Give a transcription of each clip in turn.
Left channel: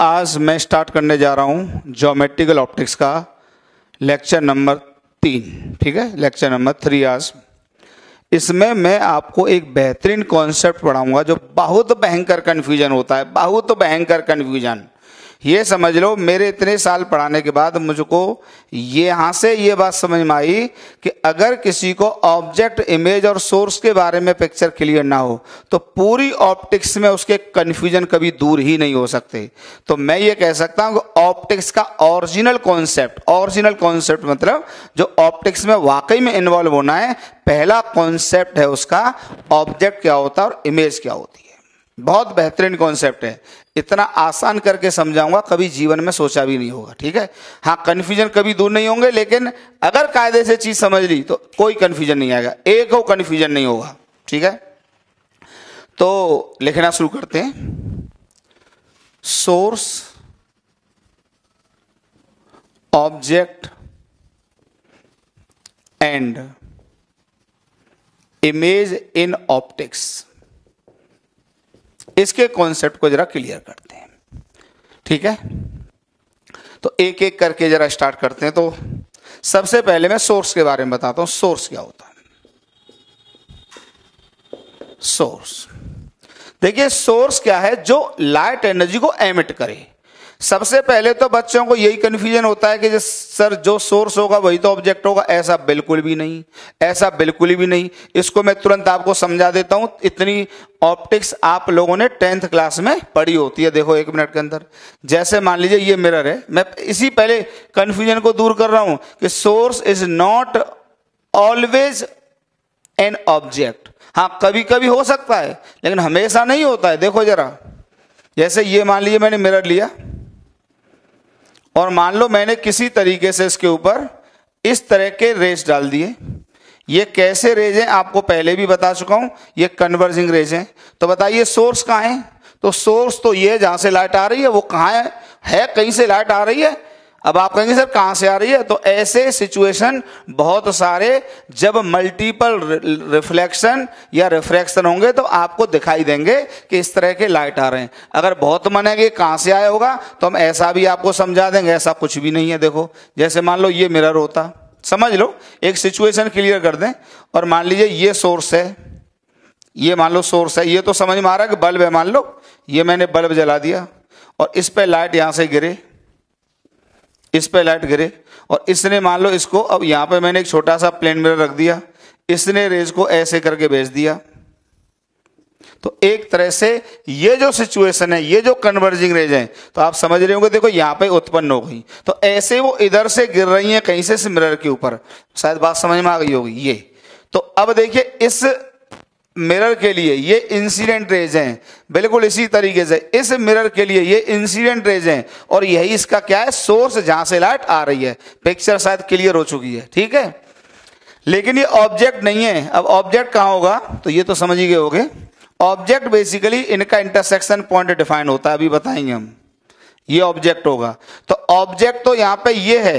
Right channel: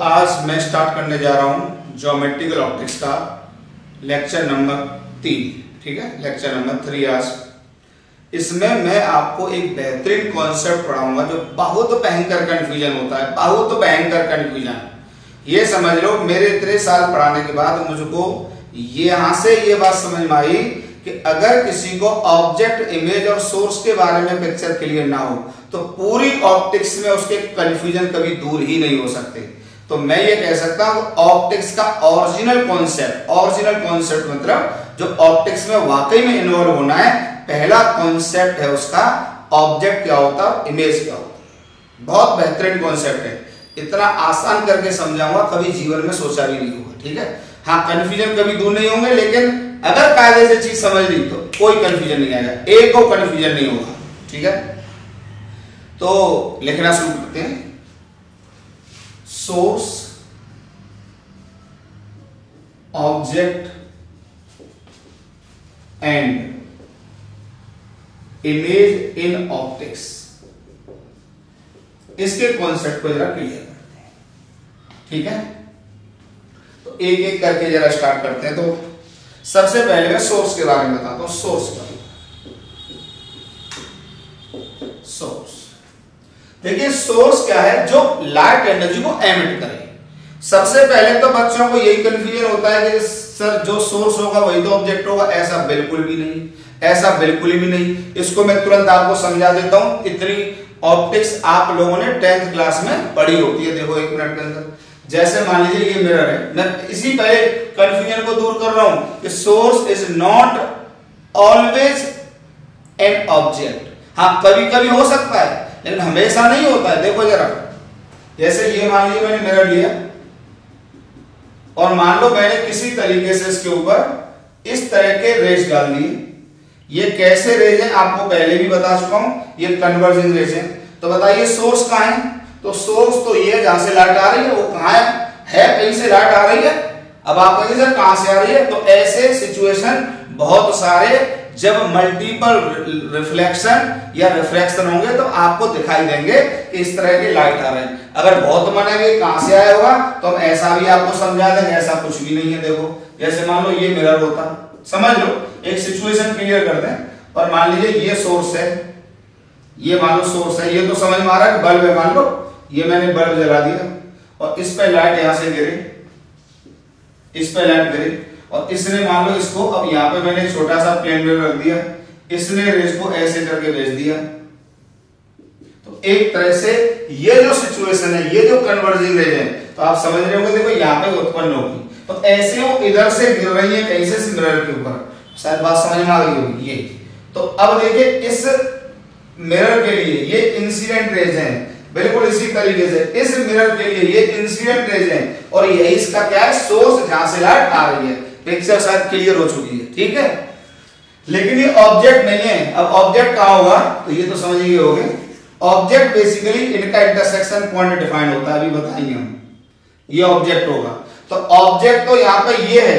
आज मैं स्टार्ट करने जा रहा हूं ज्योमेट्रिकल ऑप्टिक्स का लेक्चर नंबर 3, ठीक है, लेक्चर नंबर 3 आज। इसमें मैं आपको एक बेहतरीन कॉन्सेप्ट पढ़ाऊंगा जो बहुत भयंकर कन्फ्यूजन होता है, बहुत भयंकर कन्फ्यूजन। ये समझ लो मेरे इतने साल पढ़ाने के बाद मुझको यहां से ये बात समझ में आई कि अगर किसी को ऑब्जेक्ट, इमेज और सोर्स के बारे में पिक्चर क्लियर ना हो तो पूरी ऑप्टिक्स में उसके कंफ्यूजन कभी दूर ही नहीं हो सकते। तो मैं ये कह सकता हूं ऑप्टिक्स का ओरिजिनल कॉन्सेप्ट मतलब जो ऑप्टिक्स में वाकई में इन्वॉल्व होना है, पहला कॉन्सेप्ट है उसका ऑब्जेक्ट क्या होता है, इमेज क्या होती है। बहुत बेहतरीन कॉन्सेप्ट है, इतना आसान करके समझाऊंगा कभी जीवन में सोचा भी नहीं होगा, ठीक है। हाँ, कंफ्यूजन कभी दूर नहीं होंगे, लेकिन अगर कायदे से चीज समझ ली तो कोई कंफ्यूजन नहीं आएगा, एक को कंफ्यूजन नहीं होगा, ठीक है। तो लिखना शुरू करते हैं। Source, object and image in optics, इसके कॉन्सेप्ट को जरा क्लियर करते हैं, ठीक है। तो एक एक करके जरा स्टार्ट करते हैं। तो सबसे पहले मैं सोर्स के बारे में बताता हूं। सोर्स क्या होता है? सोर्स, देखिए सोर्स क्या है, जो लाइट एनर्जी को एमिट करे। सबसे पहले तो बच्चों को यही कंफ्यूजन होता है कि सर जो सोर्स होगा वही तो ऑब्जेक्ट होगा। ऐसा बिल्कुल भी नहीं, ऐसा बिल्कुल भी नहीं। इसको मैं तुरंत आपको समझा देता हूं। इतनी ऑप्टिक्स आप लोगों ने 10th क्लास में पढ़ी होती है। देखो 1 मिनट के अंदर, जैसे मान लीजिए ये मिरर है, मैं इसी पहले कंफ्यूजन को दूर कर रहा हूं कि source is not always an object. हाँ, कभी कभी हो सकता है लेकिन हमेशा नहीं होता है। देखो जरा, जैसे ये मान लीजिए मैंने मिरर लिया और मान लो मैंने किसी तरीके से इसके ऊपर इस तरह के रेज डाल दिए। ये कैसे रेज हैं आपको पहले भी बता चुका हूं, ये कन्वर्जिंग रेज हैं। तो बताइए सोर्स कहां है? तो सोर्स तो ये जहां से लाइट आ रही है वो कहां है कहीं से लाइट आ रही है। अब आप कहेंगे सर कहां से आ रही है? तो ऐसे सिचुएशन बहुत सारे, जब मल्टीपल रिफ्लेक्शन या रिफ्रैक्शन होंगे तो आपको दिखाई देंगे कि इस तरह के लाइट आ रहे हैं। अगर बहुत मानेंगे कहां से आया होगा तो हम ऐसा भी आपको समझा देंगे, ऐसा कुछ भी नहीं है। देखो जैसे मान लो ये मिरर होता, समझ लो, एक सिचुएशन क्लियर कर दें। और मान लीजिए ये सोर्स है, ये मान लो सोर्स है, ये तो समझ में आ रहा है कि बल्ब है। मान लो ये मैंने बल्ब जला दिया और इस पे लाइट यहां से गिरे, इस पे लाइट गिरे और इसने मान लो इसको, अब यहां पे मैंने एक छोटा सा प्लेन मिरर रख दिया, इसने रेज को ऐसे करके भेज दिया। तो एक तरह से ये जो सिचुएशन है, ये जो कन्वर्जिंग रेज है, तो आप समझ रहे होंगे। देखो यहां पे उत्पन्न हो गई, तो ऐसे वो इधर से गिर रही है कहीं से मिरर के ऊपर। शायद बात समझ में आ गई होगी ये। तो अब देखिए इस मिरर के लिए ये इंसिडेंट रेज हैं, बिल्कुल इसी तरीके से इस मिरर के लिए ये इंसिडेंट रेज हैं, और यही इसका क्या है, सोर्स जहां से लाइट आ रही है। पिक्चर शायद क्लियर हो चुकी है, ठीक है। लेकिन ये ऑब्जेक्ट नहीं है। अब ऑब्जेक्ट कहां होगा? तो ये तो समझ ही गए होंगे। ऑब्जेक्ट बेसिकली इनका इंटरसेक्शन पॉइंट डिफाइन होता है, अभी बताएंगे हम। ये ऑब्जेक्ट होगा। तो ऑब्जेक्ट तो यहां पे ये है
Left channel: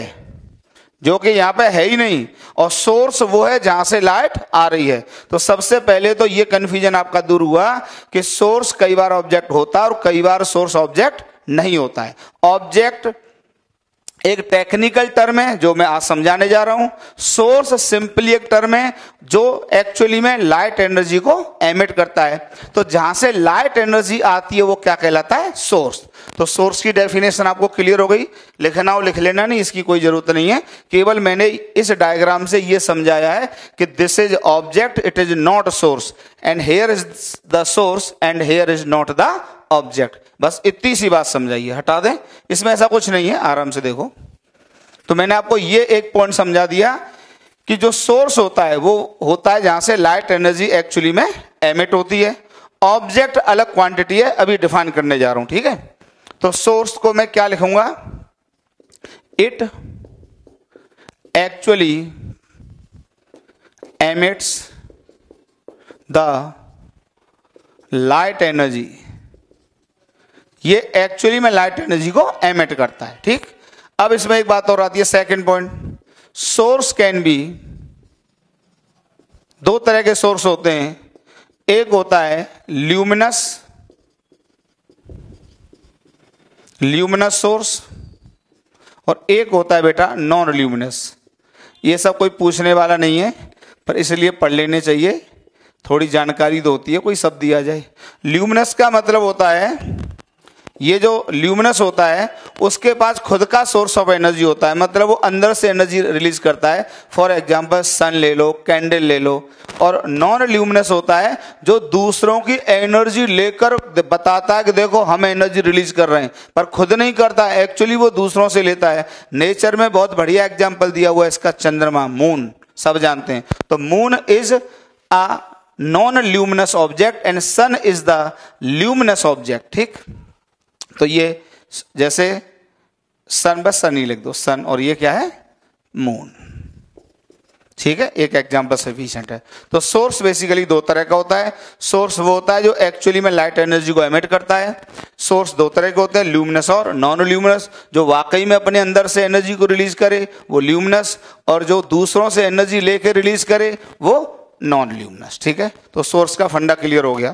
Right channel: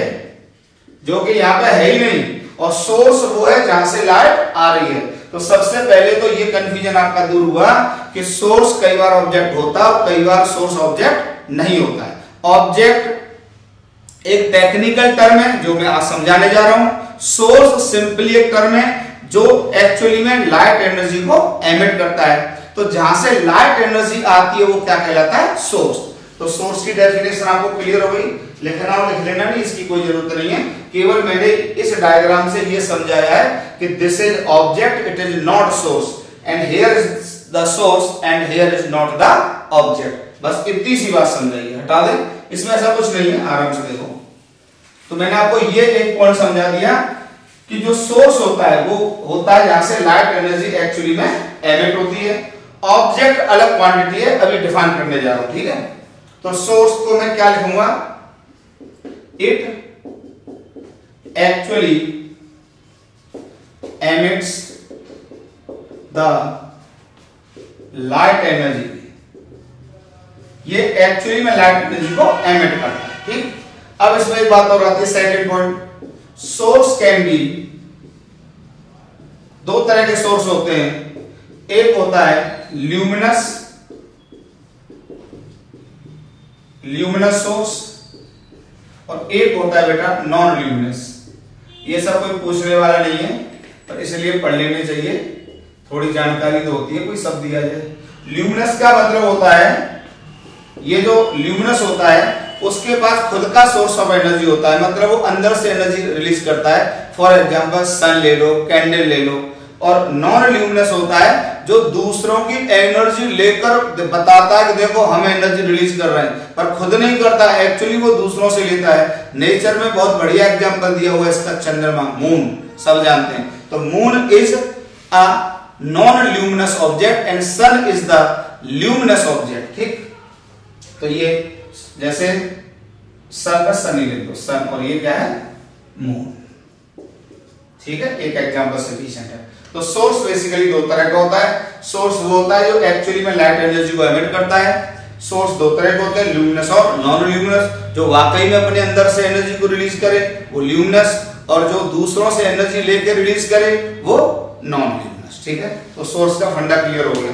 जो कि यहां पे है ही नहीं, और सोर्स वो है जहां से लाइट आ रही है। तो सबसे पहले तो ये कंफ्यूजन आपका दूर हुआ कि सोर्स कई बार ऑब्जेक्ट होता है और कई बार सोर्स ऑब्जेक्ट नहीं होता है। ऑब्जेक्ट एक टेक्निकल टर्म है जो मैं आज समझाने जा रहा हूं। सोर्स सिंपली एक टर्म है जो एक्चुअली में लाइट एनर्जी को एमिट करता है। तो जहां से लाइट एनर्जी आती है वो क्या कहलाता है, सोर्स। तो सोर्स की डेफिनेशन आपको क्लियर हो गई। लिखना हो लिख लेना, नहीं इसकी कोई जरूरत नहीं है। केवल मैंने इस डायग्राम से ये समझाया है कि this is object, it is not source, and here is the source and here is not the object. बस इतनी सी बात समझाइए, हटा दें, इसमें ऐसा कुछ नहीं है, आराम से देखो। तो मैंने आपको ये एक पॉइंट समझा दिया कि जो सोर्स होता है वो होता है जहां से लाइट एनर्जी एक्चुअली में एमिट होती है। ऑब्जेक्ट अलग क्वांटिटी है, अभी डिफाइन करने जा रहा हूं, ठीक है। तो सोर्स को मैं क्या लिखूंगा, it actually emits the light energy. ये एक्चुअली में लाइट एनर्जी को एमिट करता है, ठीक। अब इसमें एक बात और आती है, second point, source can be, दो तरह के सोर्स होते हैं। एक होता है ल्यूमिनस ल्यूमिनस सोर्स और एक होता है बेटा नॉन ल्यूमिनस। ये सब कोई पूछने वाला नहीं है, पर इसलिए पढ़ लेने चाहिए, थोड़ी जानकारी तो होती है, कोई शब्द दिया जाए। ल्यूमिनस का मतलब होता है, ये जो ल्यूमिनस होता है उसके पास खुद का सोर्स ऑफ एनर्जी होता है, मतलब वो अंदर से एनर्जी रिलीज करता है। फॉर एग्जांपल सन ले लो, कैंडल ले लो। और नॉन ल्यूमिनस होता है जो दूसरों की एनर्जी लेकर बताता है कि देखो हम एनर्जी रिलीज कर रहे हैं, पर खुद नहीं करता है, एक्चुअली वो दूसरों से लेता है। नेचर में बहुत बढ़िया एग्जांपल दिया हुआ है इसका, चंद्रमा, मून, सब जानते हैं। तो moon is a non luminous object and sun is the luminous object. ठीक, तो ये जैसे सन बस सन ही लिख दो, सन, और ये क्या है, मून। ठीक है, एक एग्जांपल सफिशिएंट है। तो सोर्स बेसिकली दो तरह का होता है। सोर्स वो होता है जो एक्चुअली में लाइट एनर्जी को एमिट करता है। सोर्स दो तरह के होते हैं, ल्यूमिनस और नॉन ल्यूमिनस। जो वाकई में अपने अंदर से एनर्जी को रिलीज करे वो ल्यूमिनस, और जो दूसरों से एनर्जी लेकर रिलीज करे वो नॉन ल्यूमिनस। ठीक है, तो सोर्स का फंडा क्लियर हो गया।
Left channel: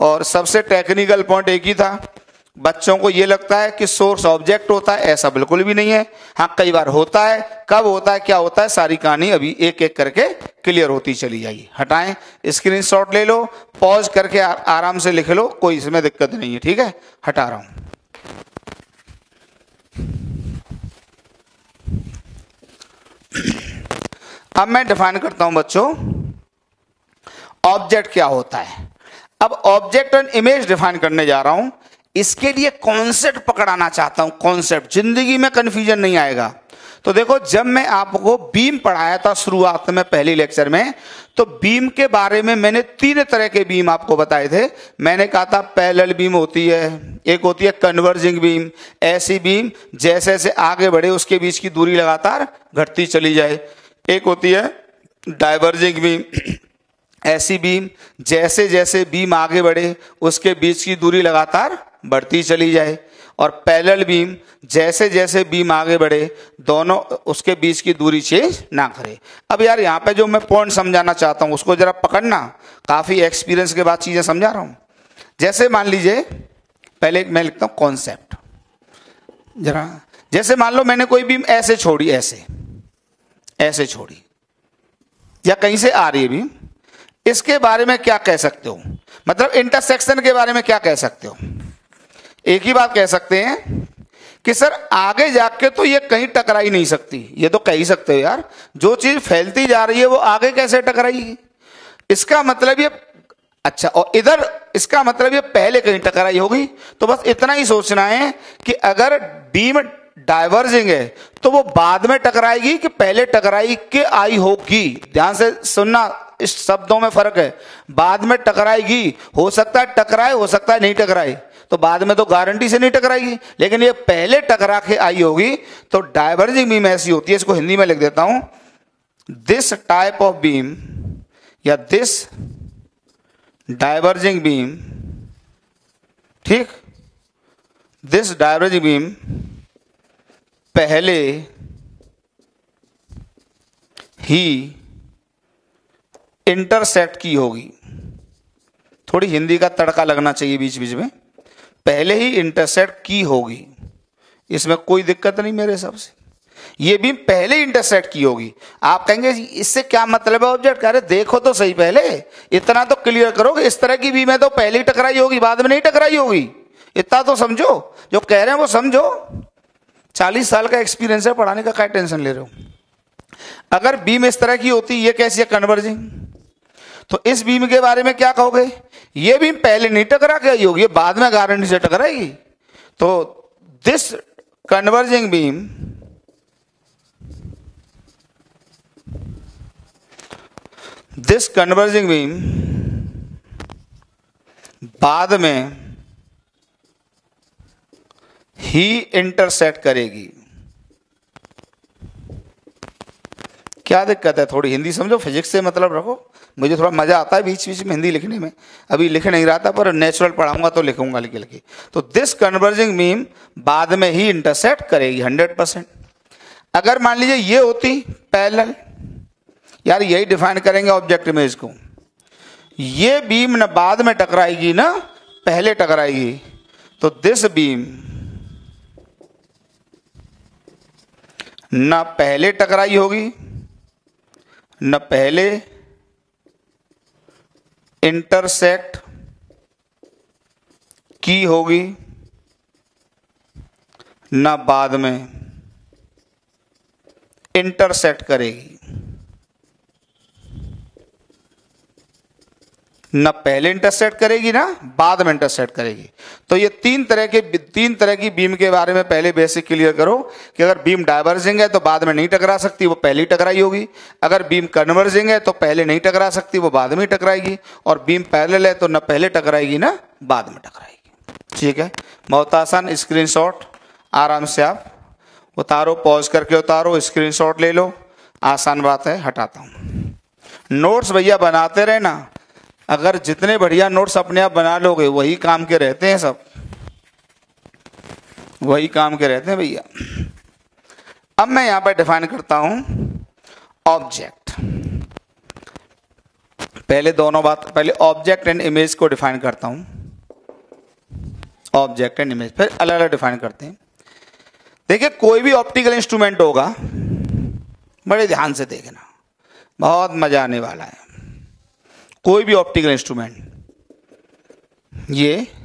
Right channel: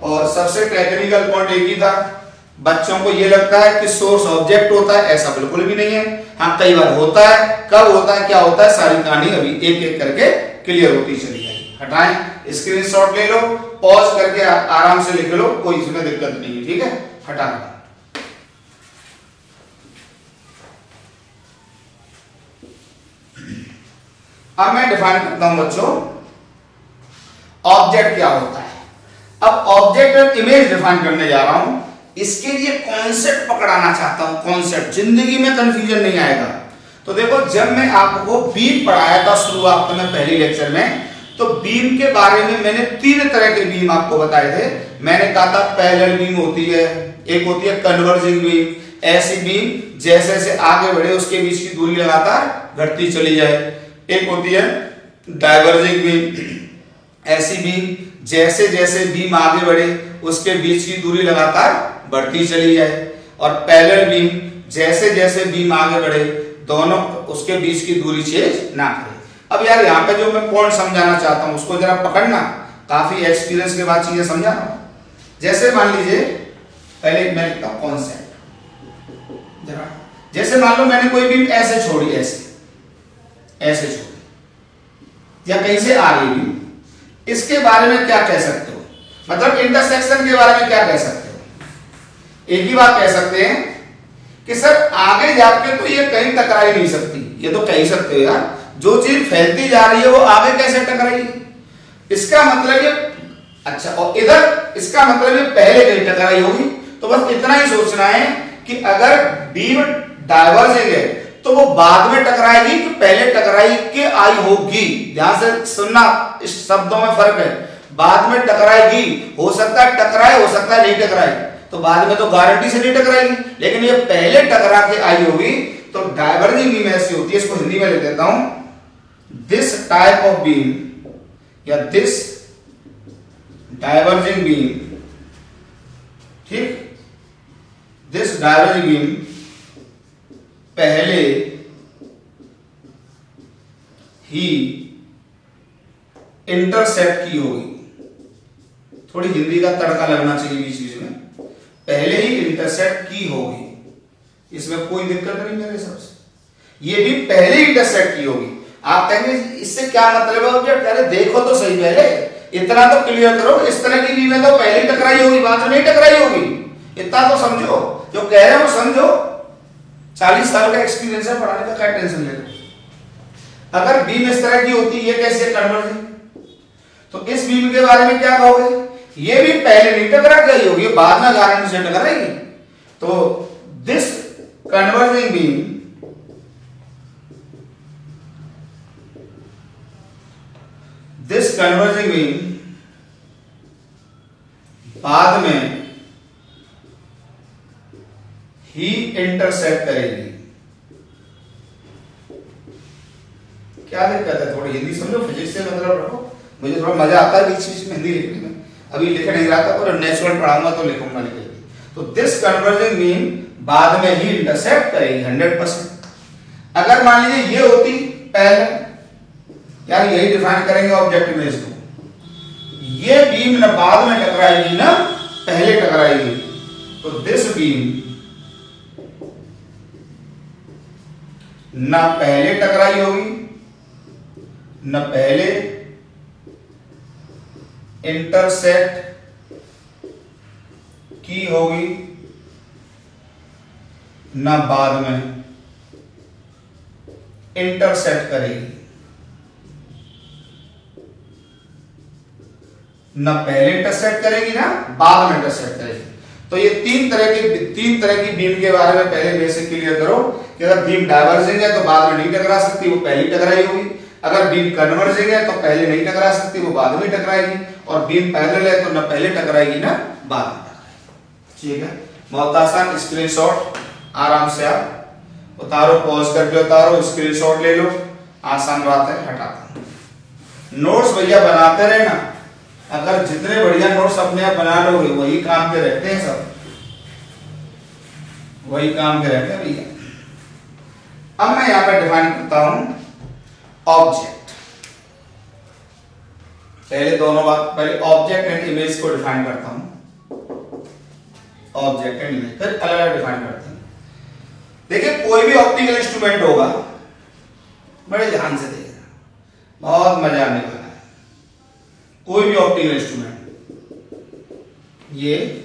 और सबसे टेक्निकल पॉइंट एक ही था, बच्चों को ये लगता है कि सोर्स ऑब्जेक्ट होता है, ऐसा बिल्कुल भी नहीं है। हाँ, कई बार होता है, कब होता है, क्या होता है, सारी कहानी अभी एक एक करके क्लियर होती चली जाएगी। हटाएं, स्क्रीनशॉट ले लो, पॉज करके आराम से लिख लो, कोई इसमें दिक्कत नहीं है। ठीक है, हटा रहा हूं। अब मैं डिफाइन करता हूं बच्चों, ऑब्जेक्ट क्या होता है। अब ऑब्जेक्ट और इमेज डिफाइन करने जा रहा हूं। इसके लिए कॉन्सेप्ट पकड़ाना चाहता हूं, कॉन्सेप्ट, जिंदगी में कंफ्यूजन नहीं आएगा। तो देखो, जब मैं आपको बीम पढ़ाया था शुरुआत में पहली लेक्चर में, तो बीम के बारे में मैंने 3 तरह के बीम आपको बताए थे। मैंने कहा था पैरेलल बीम होती है, एक होती है कन्वर्जिंग बीम, ऐसी बीम जैसे जैसे आगे बढ़े उसके बीच की दूरी लगातार घटती चली जाए। एक होती है डाइवर्जिंग बीम, ऐसी बीम जैसे जैसे बीम आगे बढ़े उसके बीच की दूरी लगातार बढ़ती चली जाए। और पैरेलल बीम, जैसे जैसे बीम आगे बढ़े दोनों उसके बीच की दूरी चेंज ना करे। अब यार यहाँ पे जो मैं पॉइंट समझाना चाहता हूं उसको जरा पकड़ना, काफी एक्सपीरियंस के बाद चीजें समझा रहा हूं। जैसे मान लीजिए, पहले मैं लिखता हूं कॉन्सेप्ट जरा। जैसे मान लो मैंने कोई बीम ऐसे छोड़ी, ऐसे छोड़ी, या कहीं से आ रही बीम, इसके बारे में क्या कह सकते हो, मतलब इंटरसेक्शन के बारे में क्या कह सकते हो। एक ही बात कह सकते हैं कि सर आगे जाके तो ये कहीं टकरा ही नहीं सकती। ये तो कह ही सकते हो यार, जो चीज फैलती जा रही है वो आगे कैसे टकराएगी। इसका मतलब ये, अच्छा, और इधर इसका मतलब ये पहले कहीं टकराई होगी। तो बस इतना ही सोचना है कि अगर बीम डाइवर्जिंग है तो वो बाद में टकराएगी कि पहले टकराई के आई होगी। ध्यान से सुनना, इस शब्दों में फर्क है। बाद में टकराएगी, हो सकता है टकराए, हो सकता है नहीं टकराए, तो बाद में तो गारंटी से नहीं टकराएगी, लेकिन ये पहले टकरा के आई होगी। तो डाइवर्जिंग बीम ऐसी होती है, इसको हिंदी में लिख देता हूं, दिस टाइप ऑफ बीम या दिस डाइवर्जिंग बीम, ठीक, दिस डाइवर्जिंग बीम पहले ही इंटरसेक्ट की होगी। थोड़ी हिंदी का तड़का लगना चाहिए बीच बीच में, पहले ही इंटरसेक्ट की होगी, इसमें कोई दिक्कत नहीं मेरे हिसाब से। ये भी पहले ही इंटरसेक्ट की होगी। आप कहेंगे इससे क्या मतलब है ऑब्जेक्ट, अरे देखो तो सही, पहले इतना तो क्लियर करो, इस तरह की बीम है तो पहले ही टकराई होगी, बाद में नहीं टकराई होगी। इतना तो समझो, जो कह रहे हो वो समझो। 40 साल का एक्सपीरियंस है पढ़ाने का, क्या टेंशन ले रहे हो। अगर बीम इस तरह की होती, ये कैसी है, कन्वर्जिंग, तो इस बीम के बारे में क्या कहोगे, ये भी पहले नहीं टकरा गई होगी, बाद में गारंटी से टकराएगी। तो this converging beam, this converging beam बाद में ही इंटरसेक्ट करेगी। क्या दिक्कत है, थोड़ी हिंदी समझो, फिजिक्स से मतलब रखो। मुझे थोड़ा मजा आता है बीच बीच में हिंदी लिखने में, अभी लिख नहीं रहा था, पर नेचुरल पढ़ाऊंगा तो लिखूंगा लिख लिख। तो दिस कन्वर्जिंग बीम बाद में ही इंटरसेक्ट करेगी 100%। अगर मान लीजिए ये होती पैरेलल, यार यही डिफाइन करेंगे ऑब्जेक्ट इमेज को, ये बीम न बाद में टकराएगी ना पहले टकराएगी, तो दिस बीम न पहले टकराई होगी, न पहले इंटरसेक्ट की होगी, न बाद में इंटरसेक्ट करेगी। न पहले इंटरसेक्ट करेगी ना बाद में इंटरसेक्ट करेगी। तो ये तीन तरह की बीम के बारे में पहले बेसिक क्लियर करो कि अगर बीम डाइवर्जिंग है तो बाद में नहीं टकरा सकती, वो पहले ही टकराई होगी। अगर बीम कन्वर्जिंग है तो पहले नहीं टकरा सकती, वो बाद में टकराएगी। और बीम पैरेलल है तो न पहले टकराएगी ना बाद में टकराएगी। ठीक है, बहुत आसान। स्क्रीनशॉट आराम से आप उतारो, पॉज करके उतारो, स्क्रीनशॉट ले लो, आसान बात है। हटाता हूं। नोट्स भैया बनाते रहे ना, अगर जितने बढ़िया नोट्स अपने आप बना लोगे वही काम के रहते हैं, सब वही काम के रहते हैं भैया। अब मैं यहां पर डिफाइन करता हूं ऑब्जेक्ट। पहले ऑब्जेक्ट एंड इमेज को डिफाइन करता हूं। ऑब्जेक्ट एंड इमेज फिर अलग अलग डिफाइन करते हैं। देखिए, कोई भी ऑप्टिकल इंस्ट्रूमेंट होगा, बड़े ध्यान से देखना, बहुत मजा आने वाला है। कोई भी ऑप्टिकल इंस्ट्रूमेंट, ये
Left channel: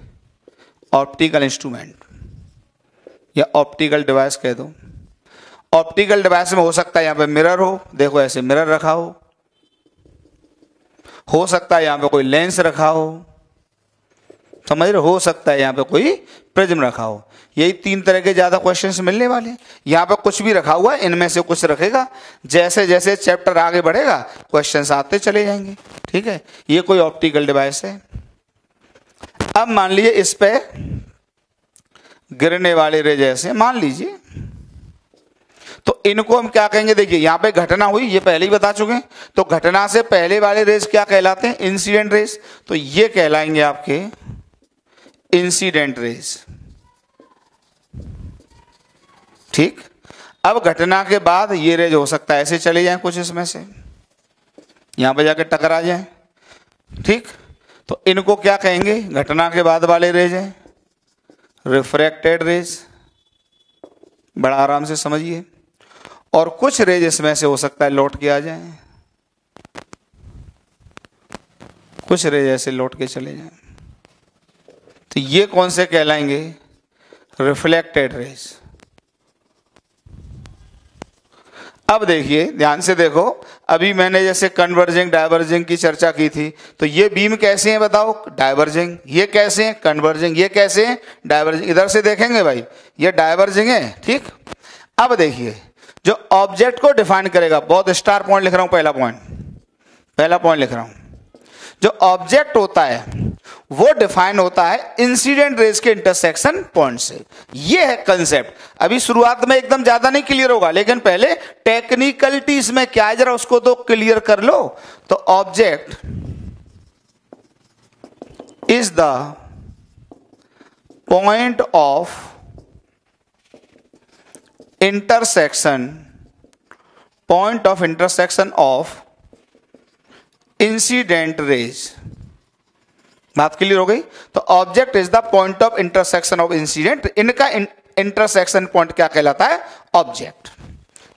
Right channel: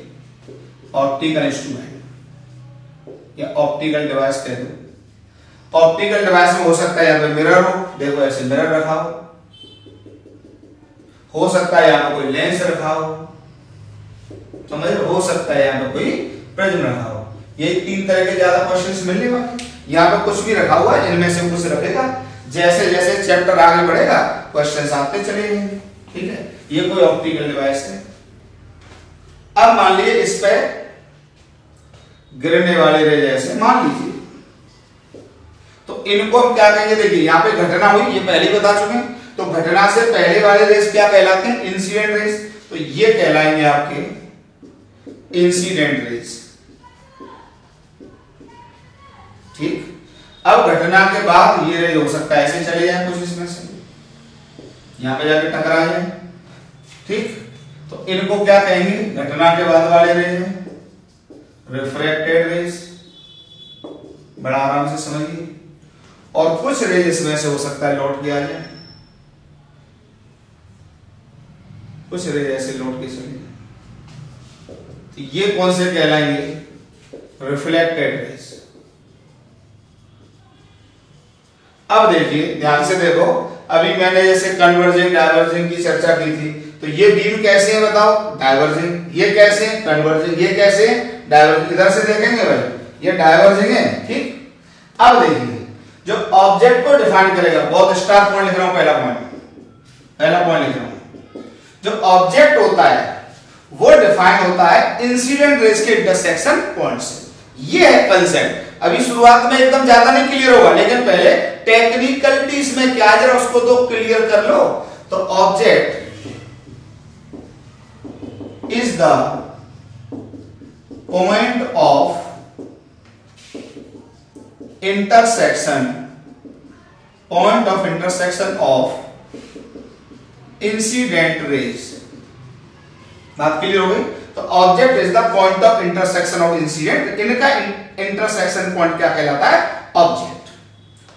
ऑप्टिकल इंस्ट्रूमेंट या ऑप्टिकल डिवाइस कह दो। ऑप्टिकल डिवाइस में हो सकता है यहां पे मिरर हो, देखो ऐसे मिरर रखा हो सकता है यहां पे कोई लेंस रखा हो, समझ रहे हो सकता है यहां पे कोई प्रिज्म रखा हो। यही तीन तरह के ज्यादा क्वेश्चंस मिलने वाले। यहां पे कुछ भी रखा हुआ है, इनमें से कुछ रखेगा। जैसे जैसे चैप्टर आगे बढ़ेगा क्वेश्चंस आते चले जाएंगे। ठीक है, ये कोई ऑप्टिकल डिवाइस है। अब मान लीजिए इस पे गिरने वाले रे जैसे मान लीजिए, तो इनको हम क्या कहेंगे? देखिए, यहां पे घटना हुई, ये पहले ही बता चुके हैं। तो घटना से पहले वाले रेस क्या कहलाते हैं? Incident rays. तो ये कहलाएंगे आपके इंसिडेंट रेस। ठीक, अब घटना के बाद ये रेज हो सकता है ऐसे चले जाए कुछ इसमें से, यहां पे जाकर टकरा जाए। ठीक, तो इनको क्या कहेंगे? घटना के बाद वाले रेज हैं रिफ्रैक्टेड रेज। बड़ा आराम से समझिए। और कुछ रेज इसमें से हो सकता है लौट के आ जाए, कुछ रेज ऐसे लौट के चले जाए। तो ये कौन से कहलाएंगे? Reflected rays. अब देखिए, ध्यान से देखो, अभी मैंने जैसे कन्वर्जिंग डाइवर्जिंग की चर्चा की थी। तो ये बीम कैसे है बताओ? डाइवर्जिंग। ये कैसे? कन्वर्जिंग। ये कैसे? डाइवर्जिंग। इधर से देखेंगे भाई, ये डाइवर्जिंग है। ठीक, अब देखिए, जो ऑब्जेक्ट को डिफाइन करेगा, बहुत स्टार पॉइंट लिख रहा हूं, पहला पॉइंट लिख रहा हूं। जो ऑब्जेक्ट होता है वो डिफाइन होता है इंसिडेंट रेज के इंटरसेक्शन पॉइंट से। ये है कंसेप्ट। अभी शुरुआत में एकदम ज्यादा नहीं क्लियर होगा, लेकिन पहले टेक्निकलिटी इसमें क्या है जरा उसको तो क्लियर कर लो। तो object is the point of intersection of incident raise. बात क्लियर हो गई? तो object is the point of intersection of incident. इनका इंटरसेक्शन पॉइंट क्या कहलाता है? ऑब्जेक्ट।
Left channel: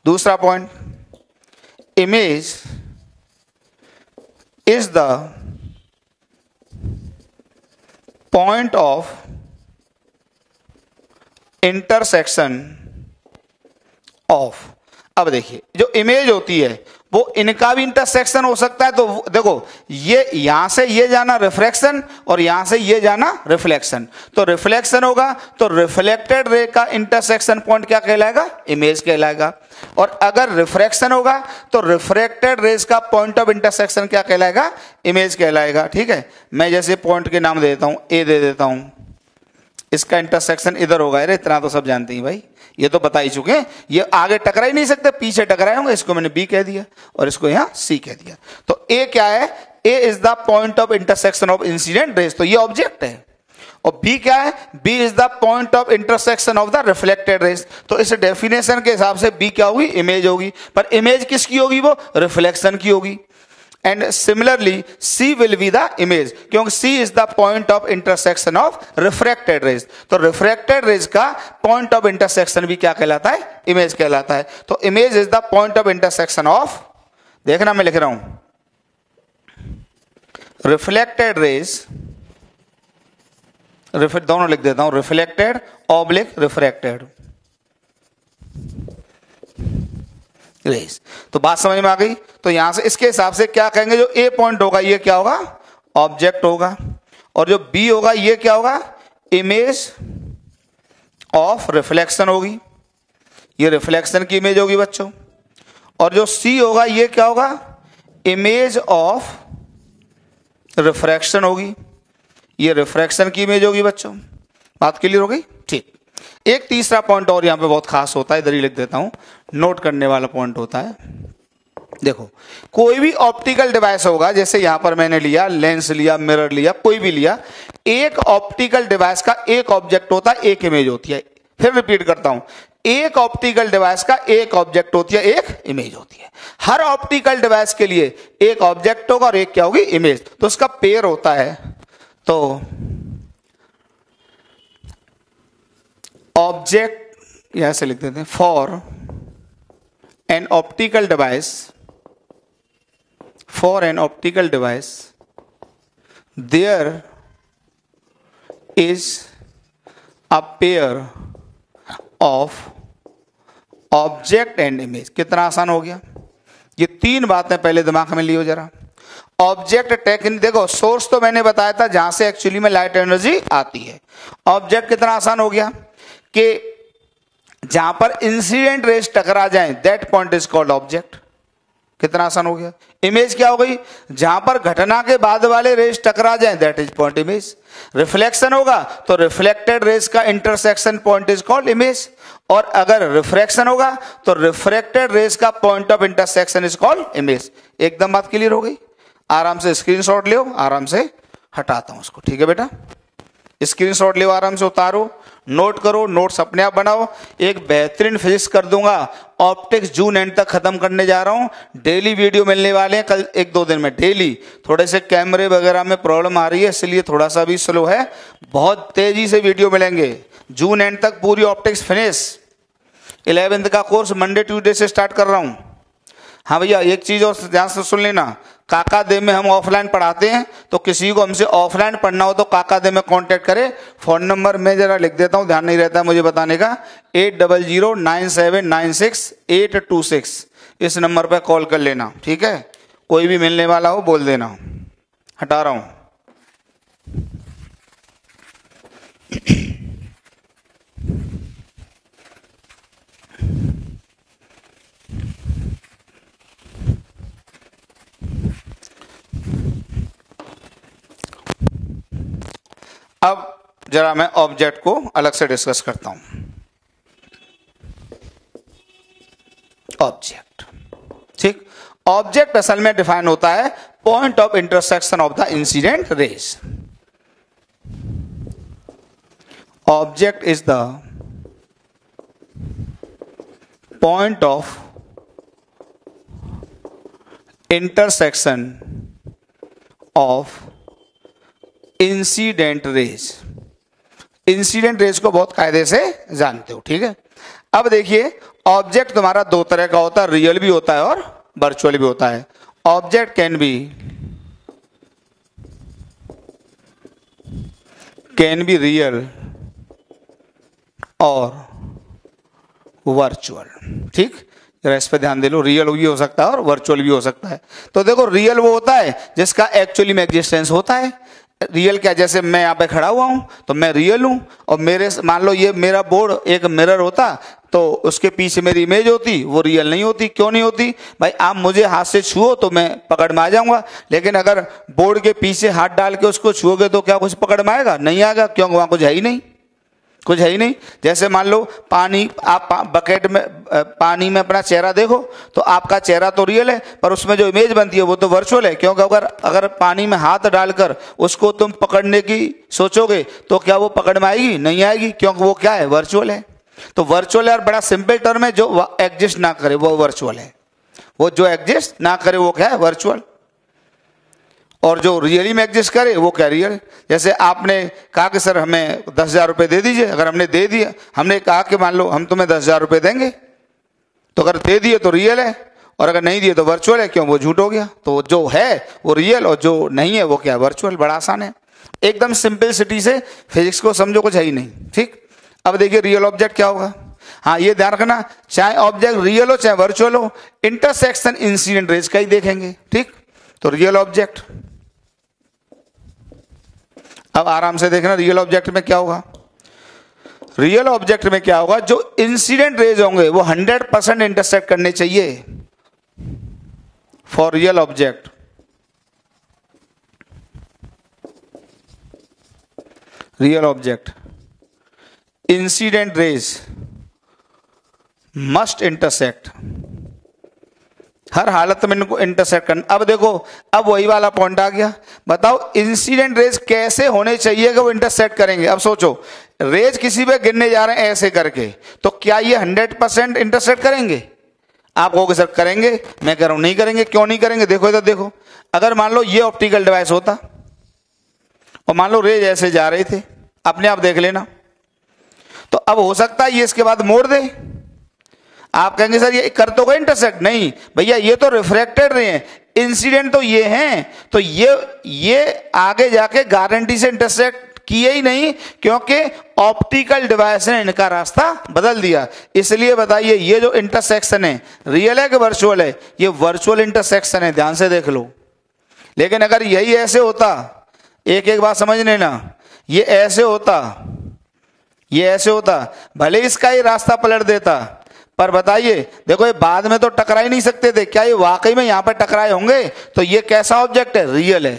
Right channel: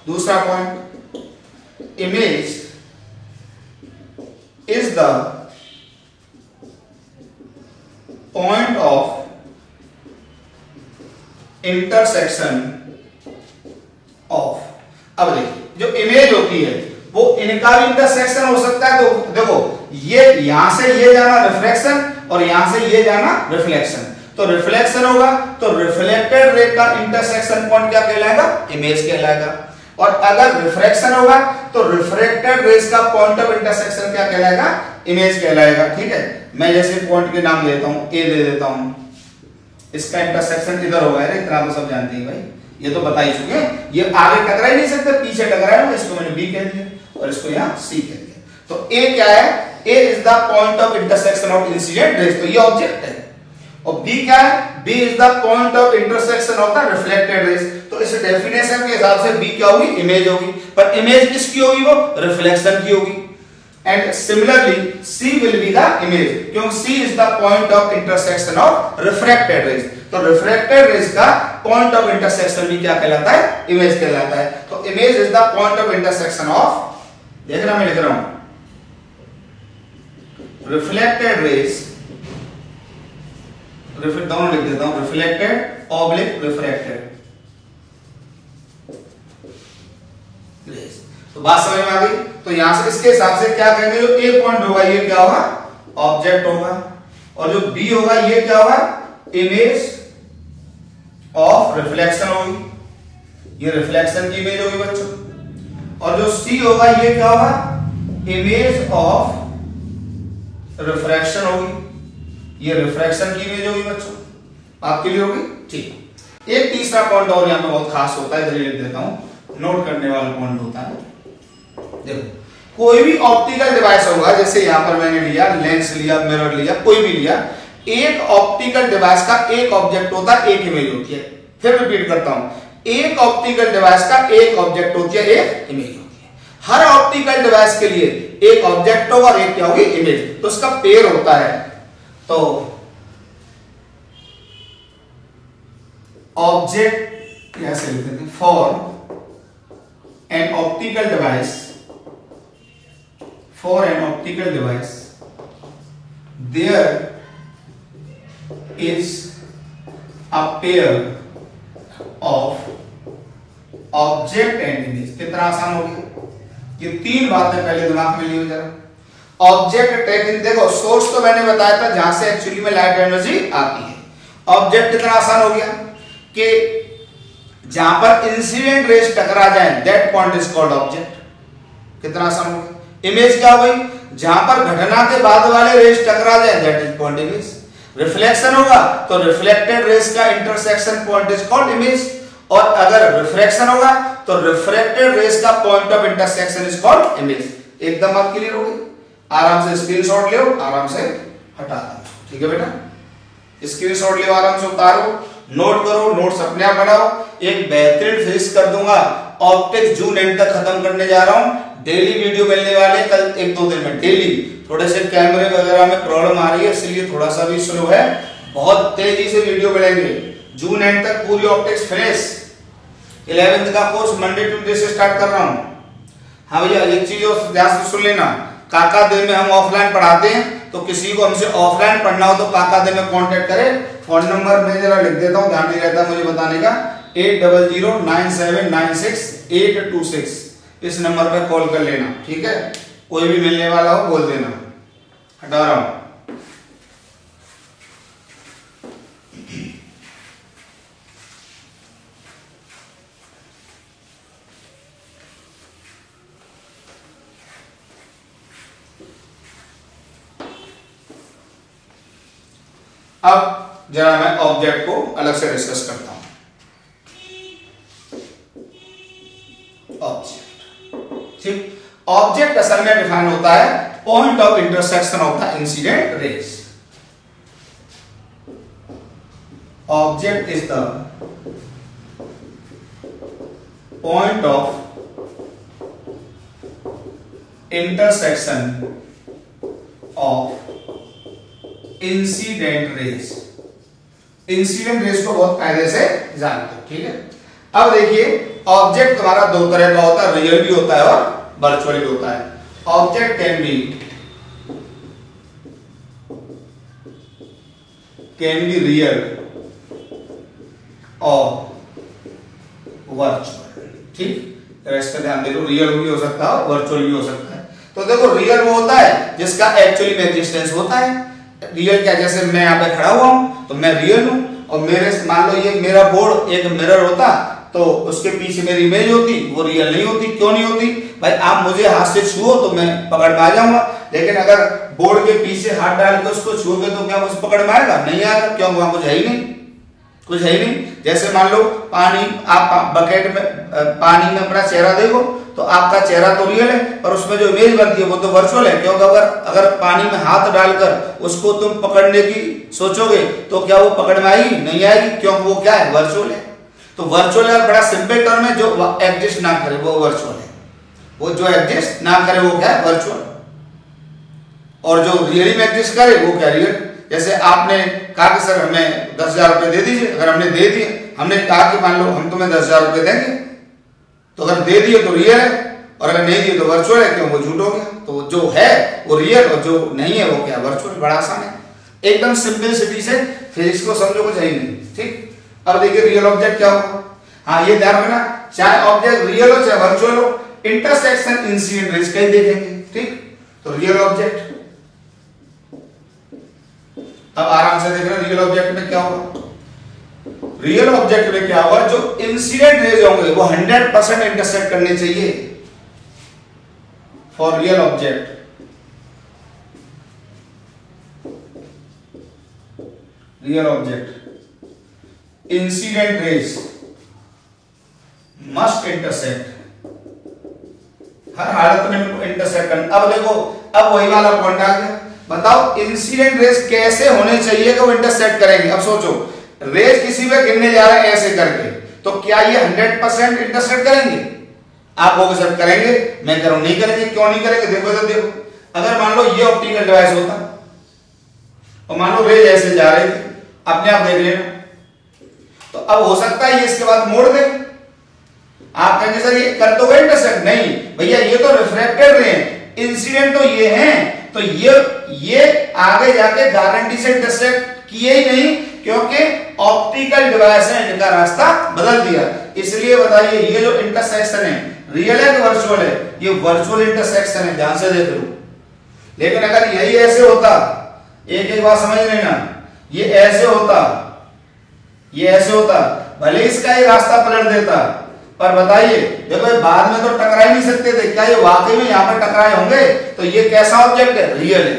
दूसरा point, image is the point of intersection of. अब देखिए, जो इमेज होती है वो इनका भी इंटरसेक्शन हो सकता है। तो देखो, ये यहां से ये जाना रिफ्रैक्शन और यहां से ये जाना रिफ्लेक्शन। तो रिफ्लेक्शन होगा तो रिफ्लेक्टेड रे का इंटरसेक्शन पॉइंट क्या कहलाएगा? इमेज कहलाएगा। और अगर रिफ्रैक्शन होगा तो रिफ्रैक्टेड रेज का पॉइंट ऑफ इंटरसेक्शन क्या कहलाएगा? इमेज कहलाएगा। ठीक है, मैं जैसे पॉइंट के नाम दे देता हूं, ए दे देता हूं, इसका इंटरसेक्शन इधर होगा। अरे इतना तो सब जानते हैं भाई, ये तो बता ही चुके हैं। ये आगे टकरा ही नहीं सकते, पीछे टकराए होंगे। इसको मैंने बी कह दिया और इसको यहां सी कह दिया। तो ए क्या है? A is the point of intersection of incident rays. तो ये ऑब्जेक्ट है। और बी क्या है? B is the point of intersection of the reflected rays. तो इस डेफिनेशन के हिसाब से बी क्या होगी? इमेज होगी। पर इमेज किसकी होगी? वो रिफ्लेक्शन की होगी। And similarly C will be the image, क्योंकि C is the point of intersection of refracted rays. तो रिफ्रैक्टेड रेज का पॉइंट ऑफ इंटरसेक्शन भी क्या कहलाता है? इमेज कहलाता है। तो image is the point of intersection of, देखना मैं लिख रहा हूं, रिफ्लेक्टेड रेज, दोनों लिख देता हूं, रिफ्लेक्टेड ऑब्लिक रिफ्रैक्टेड रेज। तो बात समझ में आ गई? तो यहां से इसके हिसाब से क्या कहेंगे, जो A पॉइंट होगा ये क्या होगा? ऑब्जेक्ट होगा, और जो B होगा ये क्या होगा? इमेज ऑफ रिफ्लेक्शन होगी, ये रिफ्लेक्शन की इमेज होगी बच्चों। और जो C होगा ये क्या होगा? इमेज ऑफ रिफ्रैक्शन होगी, ये रिफ्रैक्शन की इमेज होगी बच्चों। बात क्लियर हो गई? ठीक। एक तीसरा पॉइंट और यहां पे बहुत खास होता है, इधर ही लिख देता हूं, नोट करने वाला पॉइंट होता है। देखो, कोई भी ऑप्टिकल डिवाइस होगा, जैसे यहां पर मैंने लिया लेंस, लिया मिरर, लिया कोई भी लिया, एक ऑप्टिकल डिवाइस का एक ऑब्जेक्ट होता है, एक इमेज होती है। फिर रिपीट करता हूं, एक ऑप्टिकल डिवाइस का एक ऑब्जेक्ट होती है, एक इमेज होती है। हर ऑप्टिकल डिवाइस के लिए एक ऑब्जेक्ट होगा और एक क्या होगी? इमेज। तो उसका पेयर होता है। तो ऑब्जेक्ट यहां से लिख देते हैं, for an optical device, for an optical device there is a pair of object and image। कितना आसान हो गया? ये तीन बातें पहले दिमाग में लियो जरा। ऑब्जेक्ट टेकन, देखो सोर्स तो मैंने बताया था जहां से एक्चुअली में लाइट एनर्जी आती है। ऑब्जेक्ट कितना आसान हो गया कि जहां पर इंसिडेंट रेज टकरा जाए, that point is called object. कितना आसान हो गया? इमेज क्या हो गई? जहां पर घटना के बाद वाले रेज टकरा जाए, that is point image. Reflection होगा तो रिफ्लेक्टेड रेज का intersection point is called image, और अगर रिफ्रैक्शन होगा तो रिफ्रैक्टेड रेज का point of intersection is called image. एकदम बात क्लियर हो गई? आराम से स्क्रीनशॉट ले, आराम से हटाता हूं उसको, ठीक है बेटा? स्क्रीनशॉट ले, आराम से उतारो, नोट करो, नोट्स अपने आप बढ़ाओ। एक बेहतरीन फिजिक्स कर दूंगा, ऑप्टिक्स जून एंड तक खत्म करने जा रहा हूं। डेली वीडियो मिलने वाले कल 1-2 दिन में डेली। थोड़े से कैमरे वगैरह में प्रॉब्लम आ रही है, इसलिए थोड़ा सा भी स्लो है, बहुत तेजी से वीडियो मिलेंगे। जून एंड तक पूरी ऑप्टिक्स फिनिश। 11th का कोर्स मंडे ट्यूसडे से स्टार्ट कर रहा हूं। हाँ भैया, एक चीज और ध्यान से सुन लेना, काका दे में हम ऑफलाइन पढ़ाते हैं, तो किसी को हमसे ऑफलाइन पढ़ना हो तो काका दे में कांटेक्ट करें। फोन नंबर मैं जरा लिख देता हूं, ध्यान नहीं रहता मुझे बताने का, 8009796826। इस नंबर पर कॉल कर लेना, ठीक है? कोई भी मिलने वाला हो बोल देना। हटा रहा हूं। अब जरा मैं ऑब्जेक्ट को अलग से डिस्कस करता हूं। ऑब्जेक्ट, ठीक? ऑब्जेक्ट असल में डिफाइन होता है point of intersection of the incident raise. Object is the point of intersection of incident raise. Incident raise को बहुत कायदे से जानते हो, ठीक है? अब देखिए, ऑब्जेक्ट तुम्हारा दो तरह का होता है, रियल भी होता है और वर्चुअल भी होता है। ऑब्जेक्ट कैन बी रियल और वर्चुअल, ठीक? जरा इस पर ध्यान दे लो, रियल भी हो सकता है और वर्चुअल भी हो सकता है। तो देखो, रियल वो होता है जिसका एक्चुअली में एग्जिस्टेंस होता है। रियल क्या, जैसे मैं यहाँ पे खड़ा हुआ हूं तो मैं रियल हूं, और मेरे मान लो ये मेरा बोर्ड एक मिरर होता तो उसके पीछे मेरी इमेज होती, वो रियल नहीं होती। क्यों नहीं होती भाई? आप मुझे हाथ से छुओ तो मैं पकड़ में आ जाऊंगा, लेकिन अगर बोर्ड के पीछे हाथ डाल के उसको छुओगे तो क्या कुछ पकड़ में आएगा? नहीं आएगा। क्यों? वहां कुछ है ही नहीं, कुछ है ही नहीं। जैसे मान लो पानी, आप बकेट में पानी में अपना चेहरा देखो तो आपका चेहरा तो रियल है, पर उसमें जो इमेज बनती है वो तो वर्चुअल है। क्योंकि अगर पानी में हाथ डालकर उसको तुम पकड़ने की सोचोगे तो क्या वो पकड़ में आएगी? नहीं आएगी, क्योंकि वो क्या है? वर्चुअल है। तो वर्चुअल है बड़ा सिंपल टर्म है, जो एग्जिस्ट ना करे वो वर्चुअल है। वो जो एग्जिस्ट ना करे वो क्या है? वर्चुअल। और जो रियली में एग्जिस्ट करे वो क्या रियल। जैसे आपने कहा कि सर हमें 10,000 रुपये दे दीजिए, अगर हमने दे दिए, हमने कहा कि मान लो हम तुम्हें 10,000 रुपये देंगे, तो अगर दे दिए तो रियल है और अगर नहीं दिए तो वर्चुअल है, क्यों, वो झूठ हो गया। तो जो है वो रियल और जो नहीं है वो क्या, वर्चुअल। बड़ा आसान है, एकदम सिंपलिसिटी से फिजिक्स को समझो, कुछ है ही नहीं। ठीक, अब देखिए रियल ऑब्जेक्ट क्या होगा। हाँ ये ध्यान रखना, चाहे ऑब्जेक्ट रियल हो चाहे वर्चुअल हो, इंटरसेक्शन इंसिडेंट रेज का ही देखेंगे। ठीक, तो रियल ऑब्जेक्ट, अब आराम से देखना रियल ऑब्जेक्ट में क्या होगा। रियल ऑब्जेक्ट में क्या होगा, जो इंसिडेंट रेज होंगे वो 100% इंटरसेक्ट करने चाहिए for real object. Real object incident rays must intersect, हर हालत में इनको इंटरसेक्ट करना। अब देखो, अब वही वाला पॉइंट आ गया, बताओ इंसिडेंट रेज कैसे होने चाहिए कि वो इंटरसेक्ट करेंगे। अब सोचो, रेज किसी में गिरने जा रहे हैं ऐसे करके, तो क्या ये 100% इंटरसेक्ट करेंगे? आप वो सर करेंगे, मैं कह रहा हूं नहीं करेंगे। क्यों नहीं करेंगे, देखो तो देखो, अगर मान लो ये ऑप्टिकल डिवाइस होता और मान लो रेज ऐसे जा रहे थे, अपने आप देख लेना, तो अब हो सकता है ये इसके बाद मोड़ दे। आप कहेंगे सर ये कर तो गए इंटरसेक्ट, नहीं भैया ये तो रिफ्रैक्टेड रे हैं, इंसिडेंट तो ये हैं, तो ये आगे जाके गारंटी से इंटरसेक्ट किए ही नहीं, क्योंकि ऑप्टिकल डिवाइस है, इनका रास्ता बदल दिया। इसलिए बताइए ये जो इंटरसेक्शन है रियल है कि वर्चुअल है? ये वर्चुअल इंटरसेक्शन है, ध्यान से देख लो। लेकिन अगर यही ऐसे होता, एक एक बात समझ लेना, ये ऐसे होता, ये ऐसे होता, भले इसका ये रास्ता पलट देता, पर बताइए देखो ये बाद में तो टकरा ही नहीं सकते थे, क्या ये वाकई में यहां पर टकराए होंगे? तो ये कैसा ऑब्जेक्ट है, रियल है।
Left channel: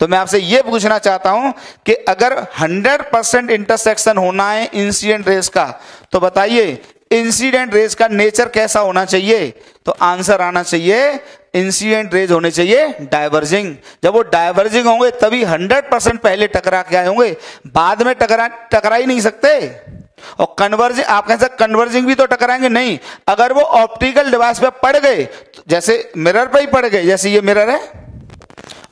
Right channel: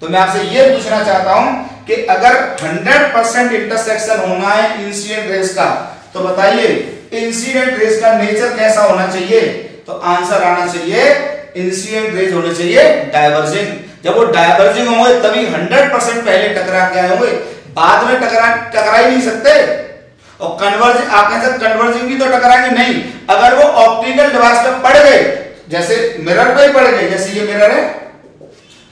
तो मैं आपसे ये पूछना चाहता हूं कि अगर 100% इंटरसेक्शन होना है इंसिडेंट रेज का, तो बताइए इंसिडेंट रेज का नेचर कैसा होना चाहिए? तो आंसर आना चाहिए इंसिडेंट रेज होने चाहिए डाइवर्जिंग। जब वो डाइवर्जिंग होंगे तभी 100% पहले टकरा के आए होंगे, बाद में टकरा ही नहीं सकते। और कन्वर्जिंग, आप कह सकते कन्वर्जिंग भी तो टकराएंगे नहीं, अगर वो ऑप्टिकल डिवाइस पे पड़ गए, जैसे मिरर पे ही पड़ गए, जैसे ये मिरर है,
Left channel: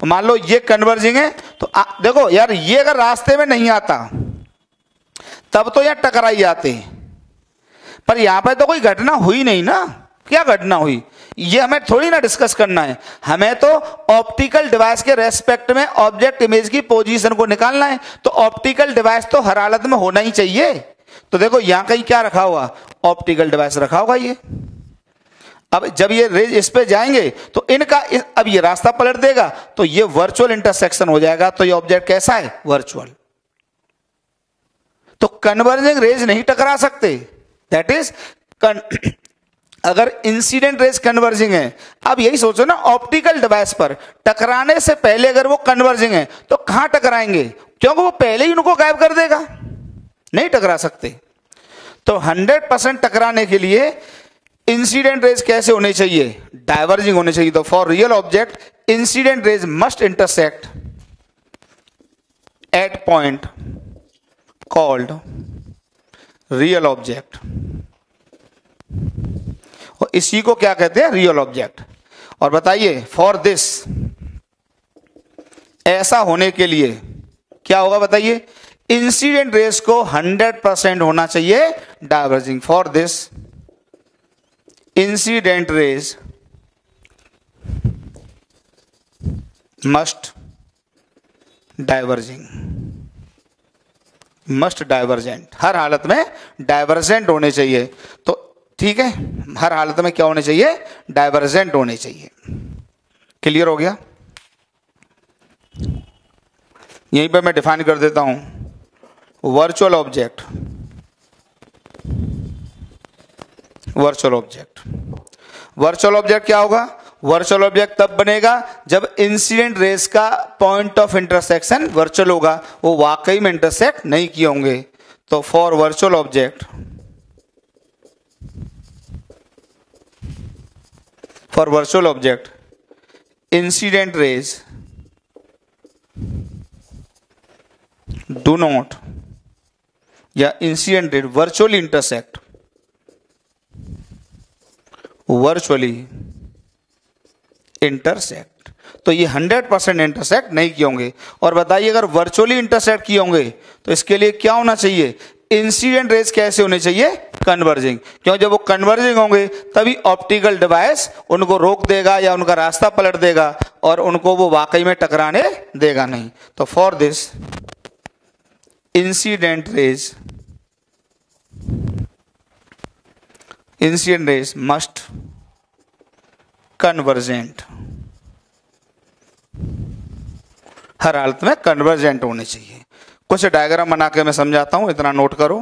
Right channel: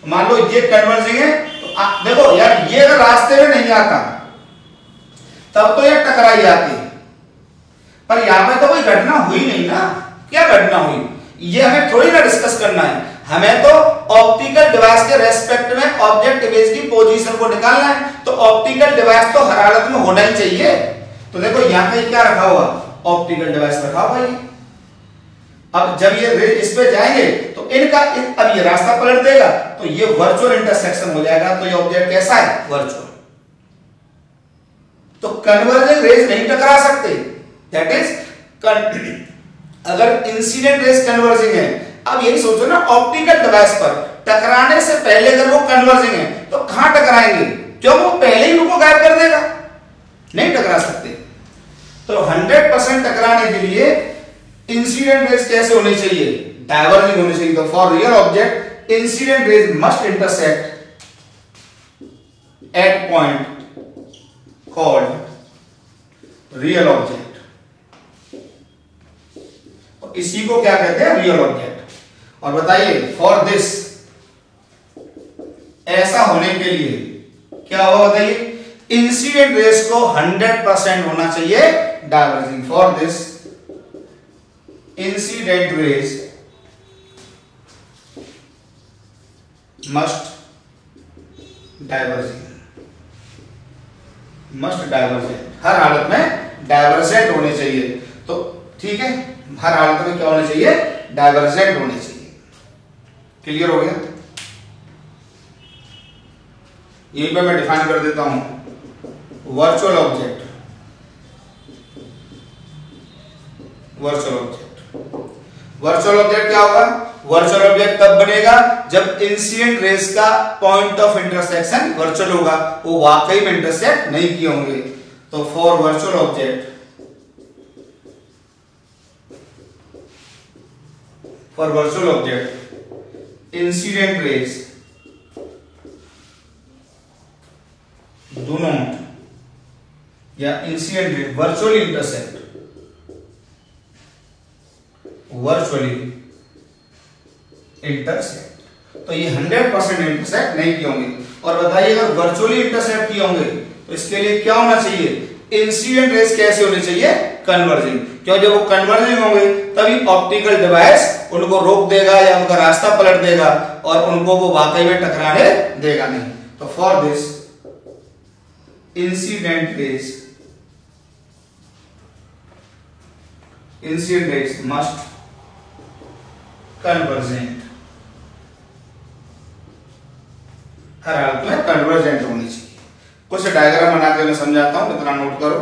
मान लो ये कन्वर्जिंग है, तो आप देखो यार ये अगर रास्ते में नहीं आता तब तो यार टकरा ही आती, पर यहां पे तो कोई घटना हुई नहीं ना। क्या घटना हुई ये हमें थोड़ी ना डिस्कस करना है, हमें तो ऑप्टिकल डिवाइस के रेस्पेक्ट में ऑब्जेक्ट इमेज की पोजीशन को निकालना है। तो ऑप्टिकल डिवाइस तो हर हालत में होना ही चाहिए। तो देखो यहां कहीं क्या रखा हुआ, ऑप्टिकल डिवाइस रखा हुआ ये। अब जब ये रेज इस पे जाएंगे तो इनका अब ये रास्ता पलट देगा, तो ये वर्चुअल इंटरसेक्शन हो जाएगा। तो ये ऑब्जेक्ट कैसा है, वर्चुअल। तो कन्वर्जिंग रेज नहीं टकरा सकते, दैट इज अगर इंसिडेंट रेज कन्वर्जिंग है। अब यही सोचो ना, ऑप्टिकल डिवाइस पर टकराने से पहले अगर वो कन्वर्जिंग है तो कहां टकराएंगे? क्यों, वो पहले ही उनको गायब कर देगा, नहीं टकरा सकते। तो 100% टकराने के लिए इंसिडेंट रेज कैसे होने चाहिए, डाइवर्जिंग होने चाहिए। तो for real object incident rays must intersect at point called real object, और इसी को क्या कहते हैं, रियल ऑब्जेक्ट। और बताइए फॉर दिस, ऐसा होने के लिए क्या होगा बताइए, इंसिडेंट रेज को 100% होना चाहिए diverging. For this incident rays must diverging, must divergent, हर हालत में डाइवर्जेंट होने चाहिए। तो ठीक है, हर हालत में क्या होने चाहिए, डाइवर्जेंट होने चाहिए। क्लियर हो गया? यहीं पर मैं डिफाइन कर देता हूं virtual object. Virtual object, virtual object क्या होगा, वर्चुअल ऑब्जेक्ट तब बनेगा जब इंसिडेंट रेज का पॉइंट ऑफ इंटरसेक्शन वर्चुअल होगा, वो वाकई में इंटरसेक्ट नहीं किए होंगे। तो for virtual object, for virtual object incident rays do not, या incident rays virtually intersect, virtually intersect. तो ये 100% इंटरसेक्ट नहीं किए होंगे। और बताइए अगर वर्चुअली इंटरसेक्ट किए होंगे तो इसके लिए क्या होना चाहिए, इंसिडेंट रेज कैसे होने चाहिए, कन्वर्जिंग। क्यों, जब वो कन्वर्जिंग होंगे तभी ऑप्टिकल डिवाइस उनको रोक देगा या उनका रास्ता पलट देगा और उनको वो वाकई में टकराने देगा नहीं। तो for this incident rays must convergent, हर हालत में कन्वर्जेंट होनी चाहिए। कुछ डायग्राम बना के मैं समझाता हूं, इतना नोट करो,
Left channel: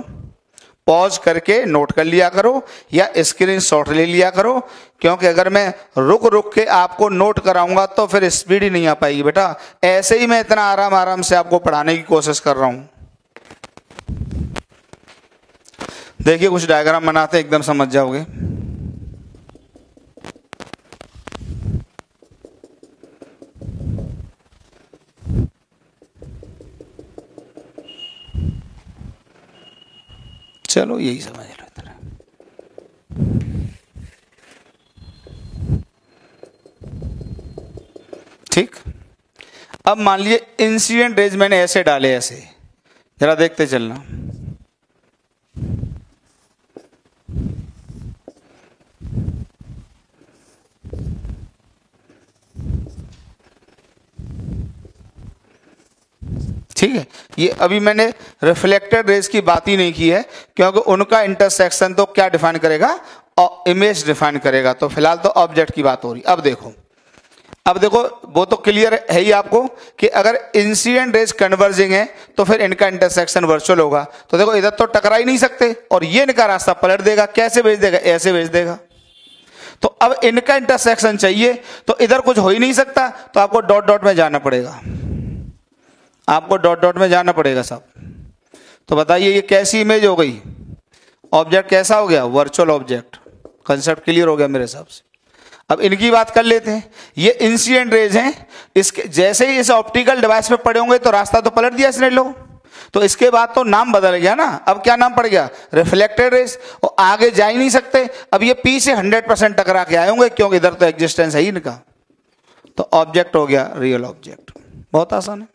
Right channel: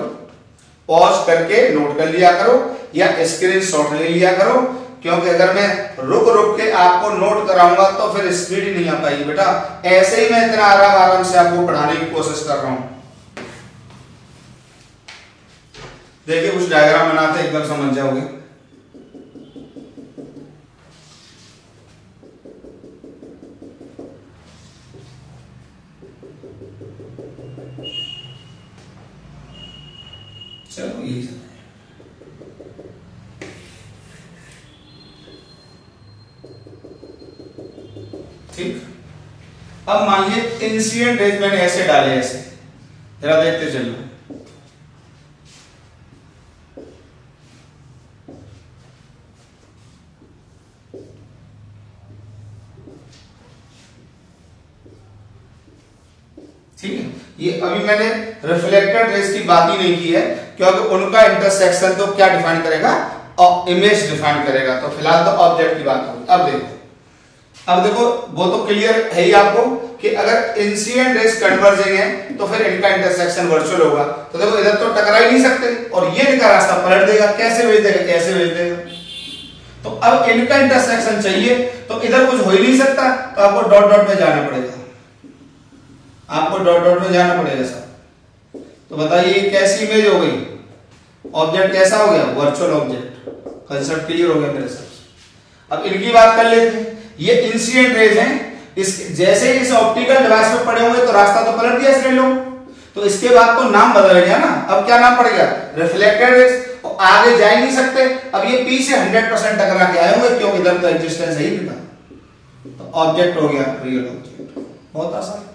पॉज करके नोट कर लिया करो या स्क्रीनशॉट ले लिया करो, क्योंकि अगर मैं रुक रुक के आपको नोट कराऊंगा तो फिर स्पीड ही नहीं आ पाएगी बेटा। ऐसे ही मैं इतना आराम से आपको पढ़ाने की कोशिश कर रहा हूं। देखिए कुछ डायग्राम बनाते एकदम समझ जाओगे। चलो यही समझ लो। ठीक, अब मान लीजिए इंसिडेंट रेज मैंने ऐसे डाले, ऐसे जरा देखते चलना। ठीक है, ये अभी मैंने रिफ्लेक्टेड रेज की बात ही नहीं की है, क्योंकि उनका इंटरसेक्शन तो क्या डिफाइन करेगा, इमेज डिफाइन करेगा। तो फिलहाल तो ऑब्जेक्ट की बात हो रही। अब देखो वो तो क्लियर है ही आपको कि अगर इंसिडेंट रेज कन्वर्जिंग है तो फिर इनका इंटरसेक्शन वर्चुअल होगा। तो देखो इधर तो टकरा ही नहीं सकते और ये इनका रास्ता पलट देगा। कैसे भेज देगा, ऐसे भेज देगा। तो अब इनका इंटरसेक्शन चाहिए तो इधर कुछ हो ही नहीं सकता, तो आपको डॉट डॉट में जाना पड़ेगा, आपको डॉट डॉट में जाना पड़ेगा सब। तो बताइए ये कैसी इमेज हो गई, ऑब्जेक्ट कैसा हो गया, वर्चुअल ऑब्जेक्ट। कंसेप्ट क्लियर हो गया मेरे हिसाब से। अब इनकी बात कर लेते हैं। ये इंसिडेंट रेज हैं, इसके जैसे ही इस ऑप्टिकल डिवाइस में पड़े होंगे तो रास्ता तो पलट दिया इसने लोग, तो इसके बाद तो नाम बदल गया ना। अब क्या नाम पड़ गया, रिफ्लेक्टेड रेज। और आगे जा ही नहीं सकते। अब ये पीछे 100% टकरा के आए होंगे, क्योंकि इधर तो एग्जिस्टेंस है ही इनका। तो ऑब्जेक्ट हो गया रियल ऑब्जेक्ट। बहुत आसान है,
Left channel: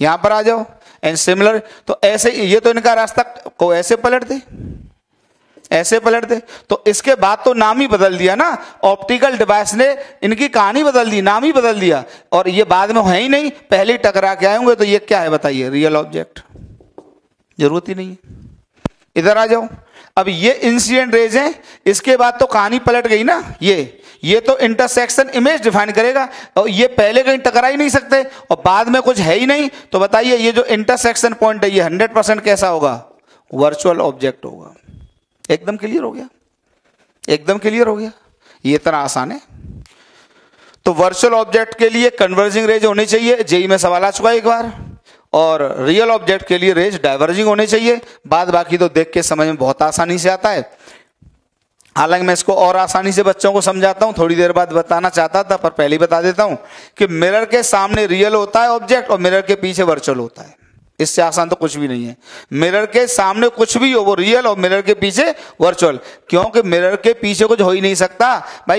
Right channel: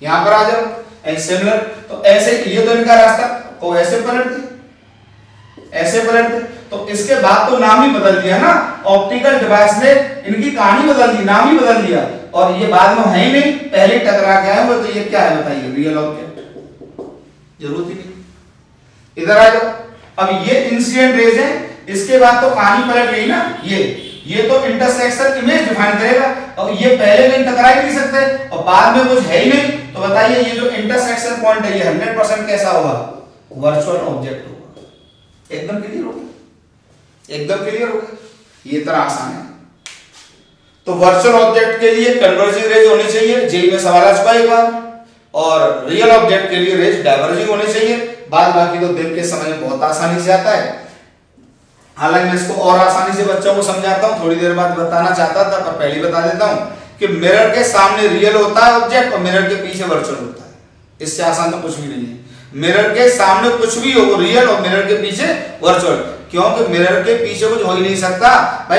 यहां पर आ जाओ। एंड सिमिलर, तो ऐसे ये तो इनका रास्ता को ऐसे पलट दे, ऐसे पलट दे। तो इसके बाद तो नाम ही बदल दिया ना, ऑप्टिकल डिवाइस ने इनकी कहानी बदल दी, नाम ही बदल दिया। और ये बाद में है ही नहीं, पहले टकरा के आए होंगे। तो ये क्या है बताइए, रियल ऑब्जेक्ट। जरूरत ही नहीं। इधर आ जाओ। अब ये इंसिडेंट रेज है, इसके बाद तो कहानी पलट गई ना। ये तो इंटरसेक्शन इमेज डिफाइन करेगा और ये पहले कहीं टकरा ही नहीं सकते और बाद में कुछ है ही नहीं। तो बताइए ये जो इंटरसेक्शन पॉइंट है ये 100% कैसा होगा, वर्चुअल ऑब्जेक्ट होगा। एकदम क्लियर हो गया, एकदम क्लियर हो गया। ये इतना आसान है। तो वर्चुअल ऑब्जेक्ट के लिए कन्वर्जिंग रेज होनी चाहिए, जेई में सवाल आ चुका है एक बार। और रियल ऑब्जेक्ट के लिए रेज डाइवर्जिंग होने चाहिए। बाद बाकी तो देख के समझ में बहुत आसानी से आता है। हालांकि मैं इसको और आसानी से बच्चों को समझाता हूं, थोड़ी देर बाद बताना चाहता था पर पहले ही बता देता हूं कि मिरर के सामने रियल होता है ऑब्जेक्ट और मिरर के पीछे वर्चुअल होता है। इससे आसान तो कुछ भी नहीं है। मिरर के सामने कुछ भी हो वो रियल और मिरर के पीछे वर्चुअल, क्योंकि मिरर के पीछे कुछ हो ही नहीं सकता भाई।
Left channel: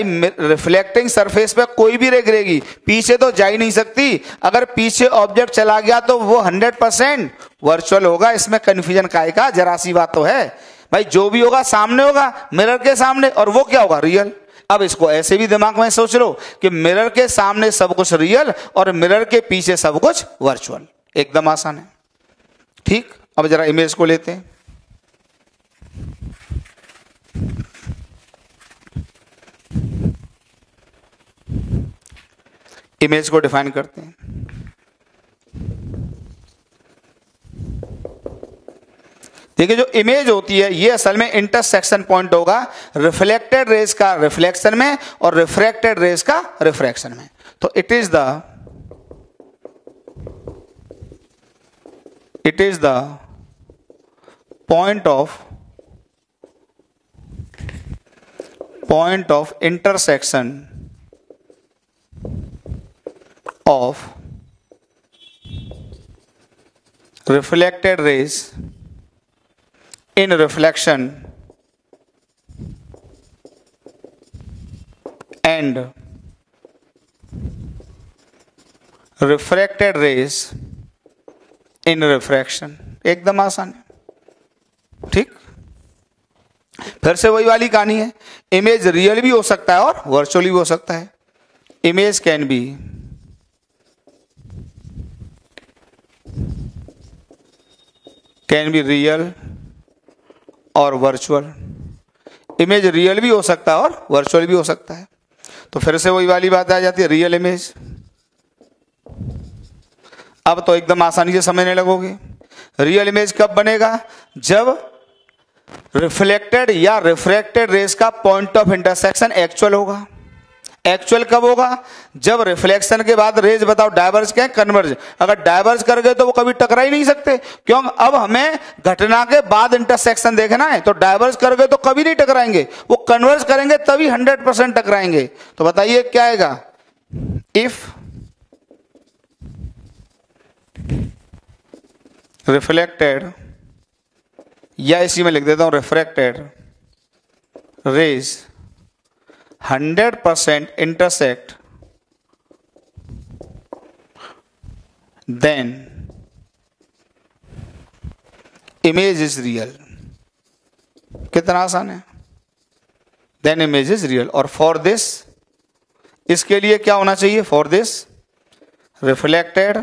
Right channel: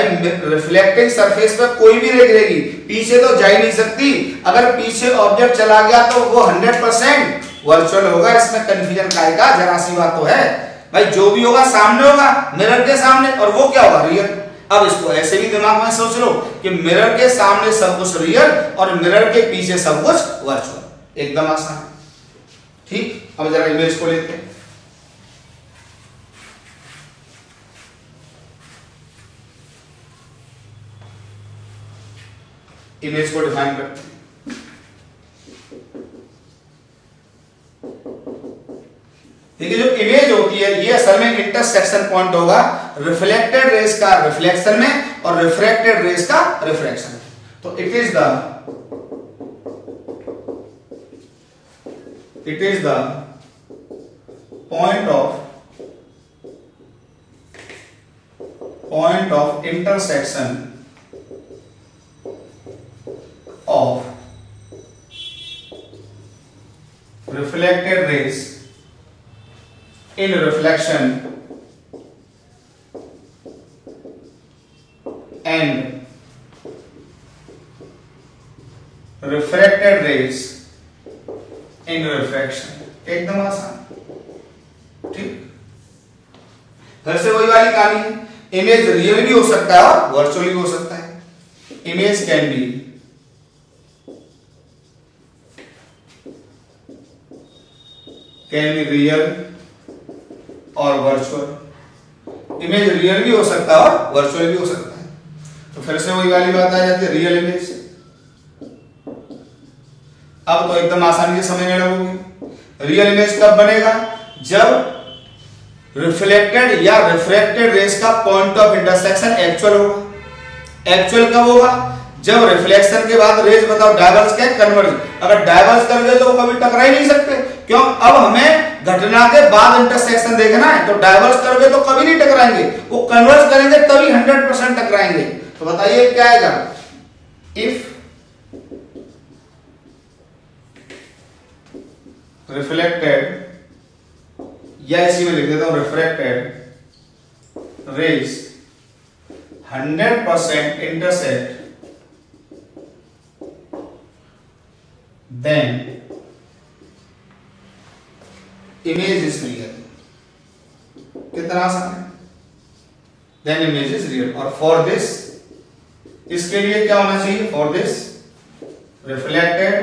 रिफ्लेक्टिंग सरफेस पे कोई भी रे गिरेगी, पीछे तो जा ही नहीं सकती। अगर पीछे ऑब्जेक्ट चला गया तो वो 100% वर्चुअल होगा। इसमें कंफ्यूजन काहे का, जरा सी बात तो है भाई। जो भी होगा सामने होगा, मिरर के सामने, और वो क्या होगा, रियल। अब इसको ऐसे भी दिमाग में सोच लो कि मिरर के सामने सब कुछ रियल और मिरर के पीछे सब कुछ वर्चुअल। एकदम आसान है। ठीक, अब जरा इमेज को लेते हैं। इमेज को डिफाइन करते हैं। देखिए जो इमेज होती है ये असल में इंटरसेक्शन पॉइंट होगा रिफ्लेक्टेड रेज का रिफ्लेक्शन में और रिफ्रैक्टेड रेज का रिफ्रैक्शन में। तो it is the point of intersection of reflected rays in reflection and refracted rays in refraction, एकदम आसान, ठीक। फिर से वही वाली कहानी है, इमेज रियल भी हो सकता है और वर्चुअल भी हो सकता है। इमेज कैन बी रियल और वर्चुअल, इमेज रियल भी हो सकता है और वर्चुअल भी हो सकता है। तो फिर से वही वाली बात आ जाती है, रियल इमेज। अब तो एकदम आसानी से समझने लगोगे। रियल इमेज कब बनेगा? जब रिफ्लेक्टेड या रिफ्रैक्टेड रेस का पॉइंट ऑफ इंटरसेक्शन एक्चुअल होगा। एक्चुअल कब होगा? जब रिफ्लेक्शन के बाद रेज बताओ डाइवर्स के कन्वर्ज, अगर डाइवर्स कर गए तो वो कभी टकरा ही नहीं सकते, क्यों? अब हमें घटना के बाद इंटरसेक्शन देखना है, तो डाइवर्स कर गए तो कभी नहीं टकराएंगे, वो कन्वर्ज करेंगे तभी 100% टकराएंगे। तो बताइए क्या आएगा? इफ रिफ्लेक्टेड, या इसी में लिख देता हूं refracted rays 100% intersect, then image is real। कितना आसान है। then image is real, और for this, इसके लिए क्या होना चाहिए? for this reflected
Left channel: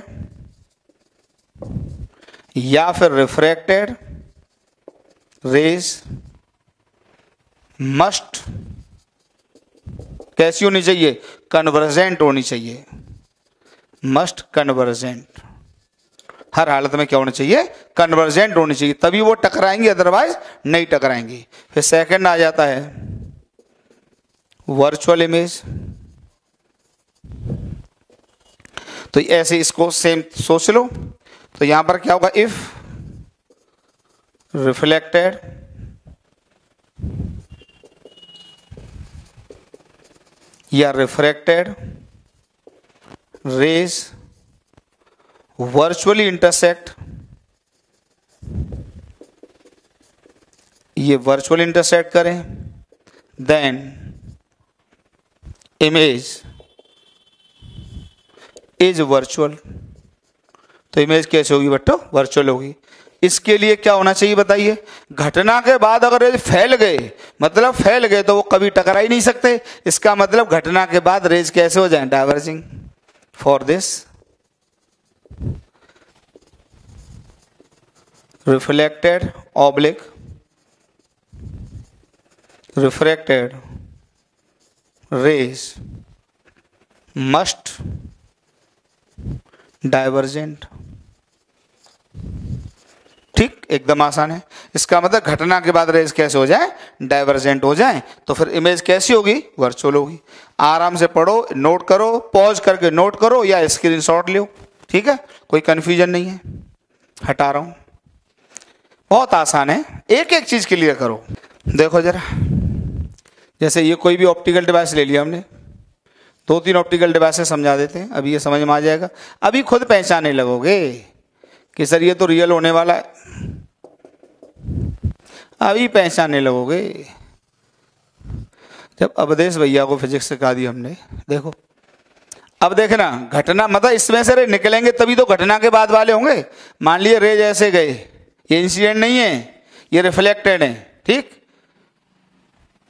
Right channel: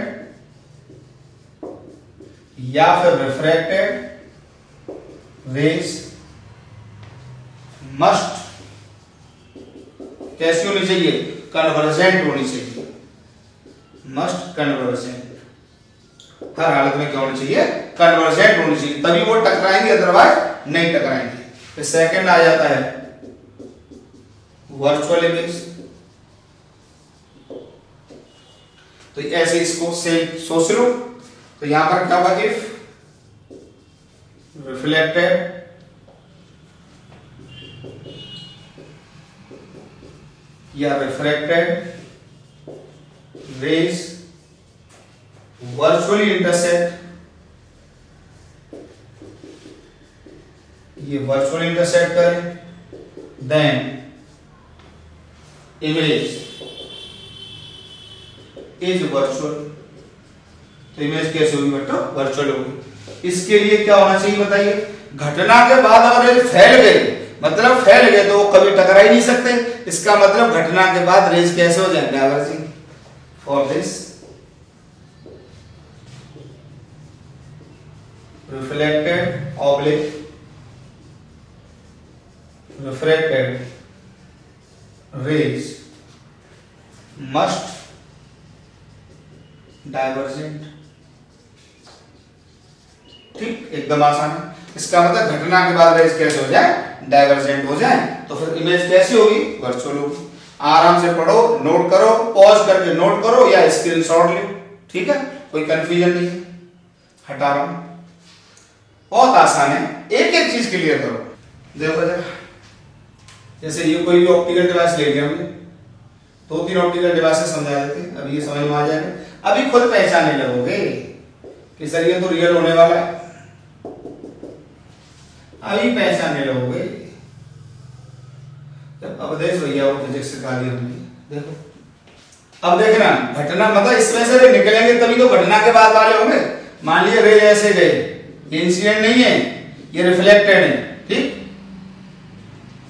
या फिर refracted rays must कैसी होनी चाहिए? कन्वर्जेंट होनी चाहिए। मस्ट कन्वर्जेंट, हर हालत में क्या होना चाहिए? कन्वर्जेंट होनी चाहिए, तभी वो टकराएंगे, अदरवाइज नहीं टकराएंगे। फिर सेकंड आ जाता है वर्चुअल इमेज। तो ऐसे इसको सेम सोच लो। तो यहां पर क्या होगा? इफ रिफ्लेक्टेड या रिफ्रैक्टेड रेज वर्चुअली इंटरसेक्ट, ये वर्चुअली इंटरसेक्ट करें, देन इमेज इज वर्चुअल। तो इमेज कैसे होगी बट्टो? वर्चुअल होगी। इसके लिए क्या होना चाहिए बताइए? घटना के बाद अगर ये फैल गए, मतलब फैल गए, तो वो कभी टकरा ही नहीं सकते। इसका मतलब घटना के बाद रेज कैसे हो जाए? Diverging. For this reflected oblique refracted rays must divergent. ठीक, एकदम आसान है। इसका मतलब घटना के बाद रेज कैसे हो जाए? डाइवर्जेंट हो जाए। तो फिर इमेज कैसी होगी? वर्चुअल होगी। आराम से पढ़ो, नोट करो, पॉज करके नोट करो या स्क्रीनशॉट लो, ठीक है? कोई कंफ्यूजन नहीं है, हटा रहा हूं। बहुत आसान है, एक एक चीज क्लियर करो। देखो जरा, जैसे ये कोई भी ऑप्टिकल डिवाइस ले लिया हमने, 2-3 ऑप्टिकल डिवाइस समझा देते हैं, अभी ये समझ में आ जाएगा। अभी खुद पहचानने लगोगे कि सर ये तो रियल होने वाला है, अभी पहचानने लगोगे जब अवधेश भैया को फिजिक्स सिखा दिया हमने। देखो अब देखना, घटना मतलब इसमें से निकलेंगे तभी तो घटना के बाद वाले होंगे। मान लिया रेज ऐसे गए, ये इंसिडेंट नहीं है, ये रिफ्लेक्टेड है, ठीक?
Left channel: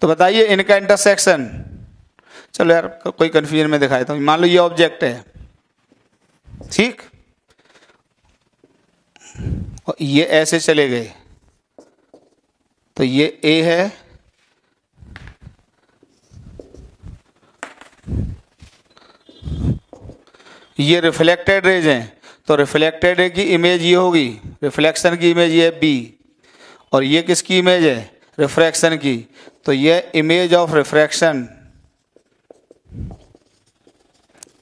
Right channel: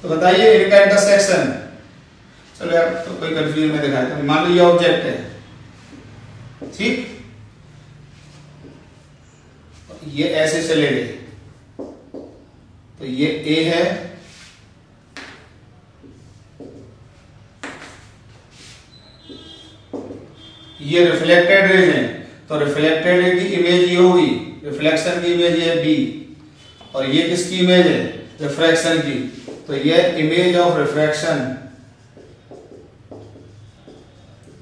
तो बताइए इनका इंटरसेक्शन, चलो यार तो कोई कंफ्यूजन में दिखाया था। मान लो ये ऑब्जेक्ट है, ठीक, और ये ऐसे चले गए, तो ये ए है, ये रिफ्लेक्टेड रेज है, तो रिफ्लेक्टेड की इमेज ये होगी, रिफ्लेक्शन की इमेज ये बी, और ये किसकी इमेज है? रिफ्रैक्शन की, तो ये image of refraction,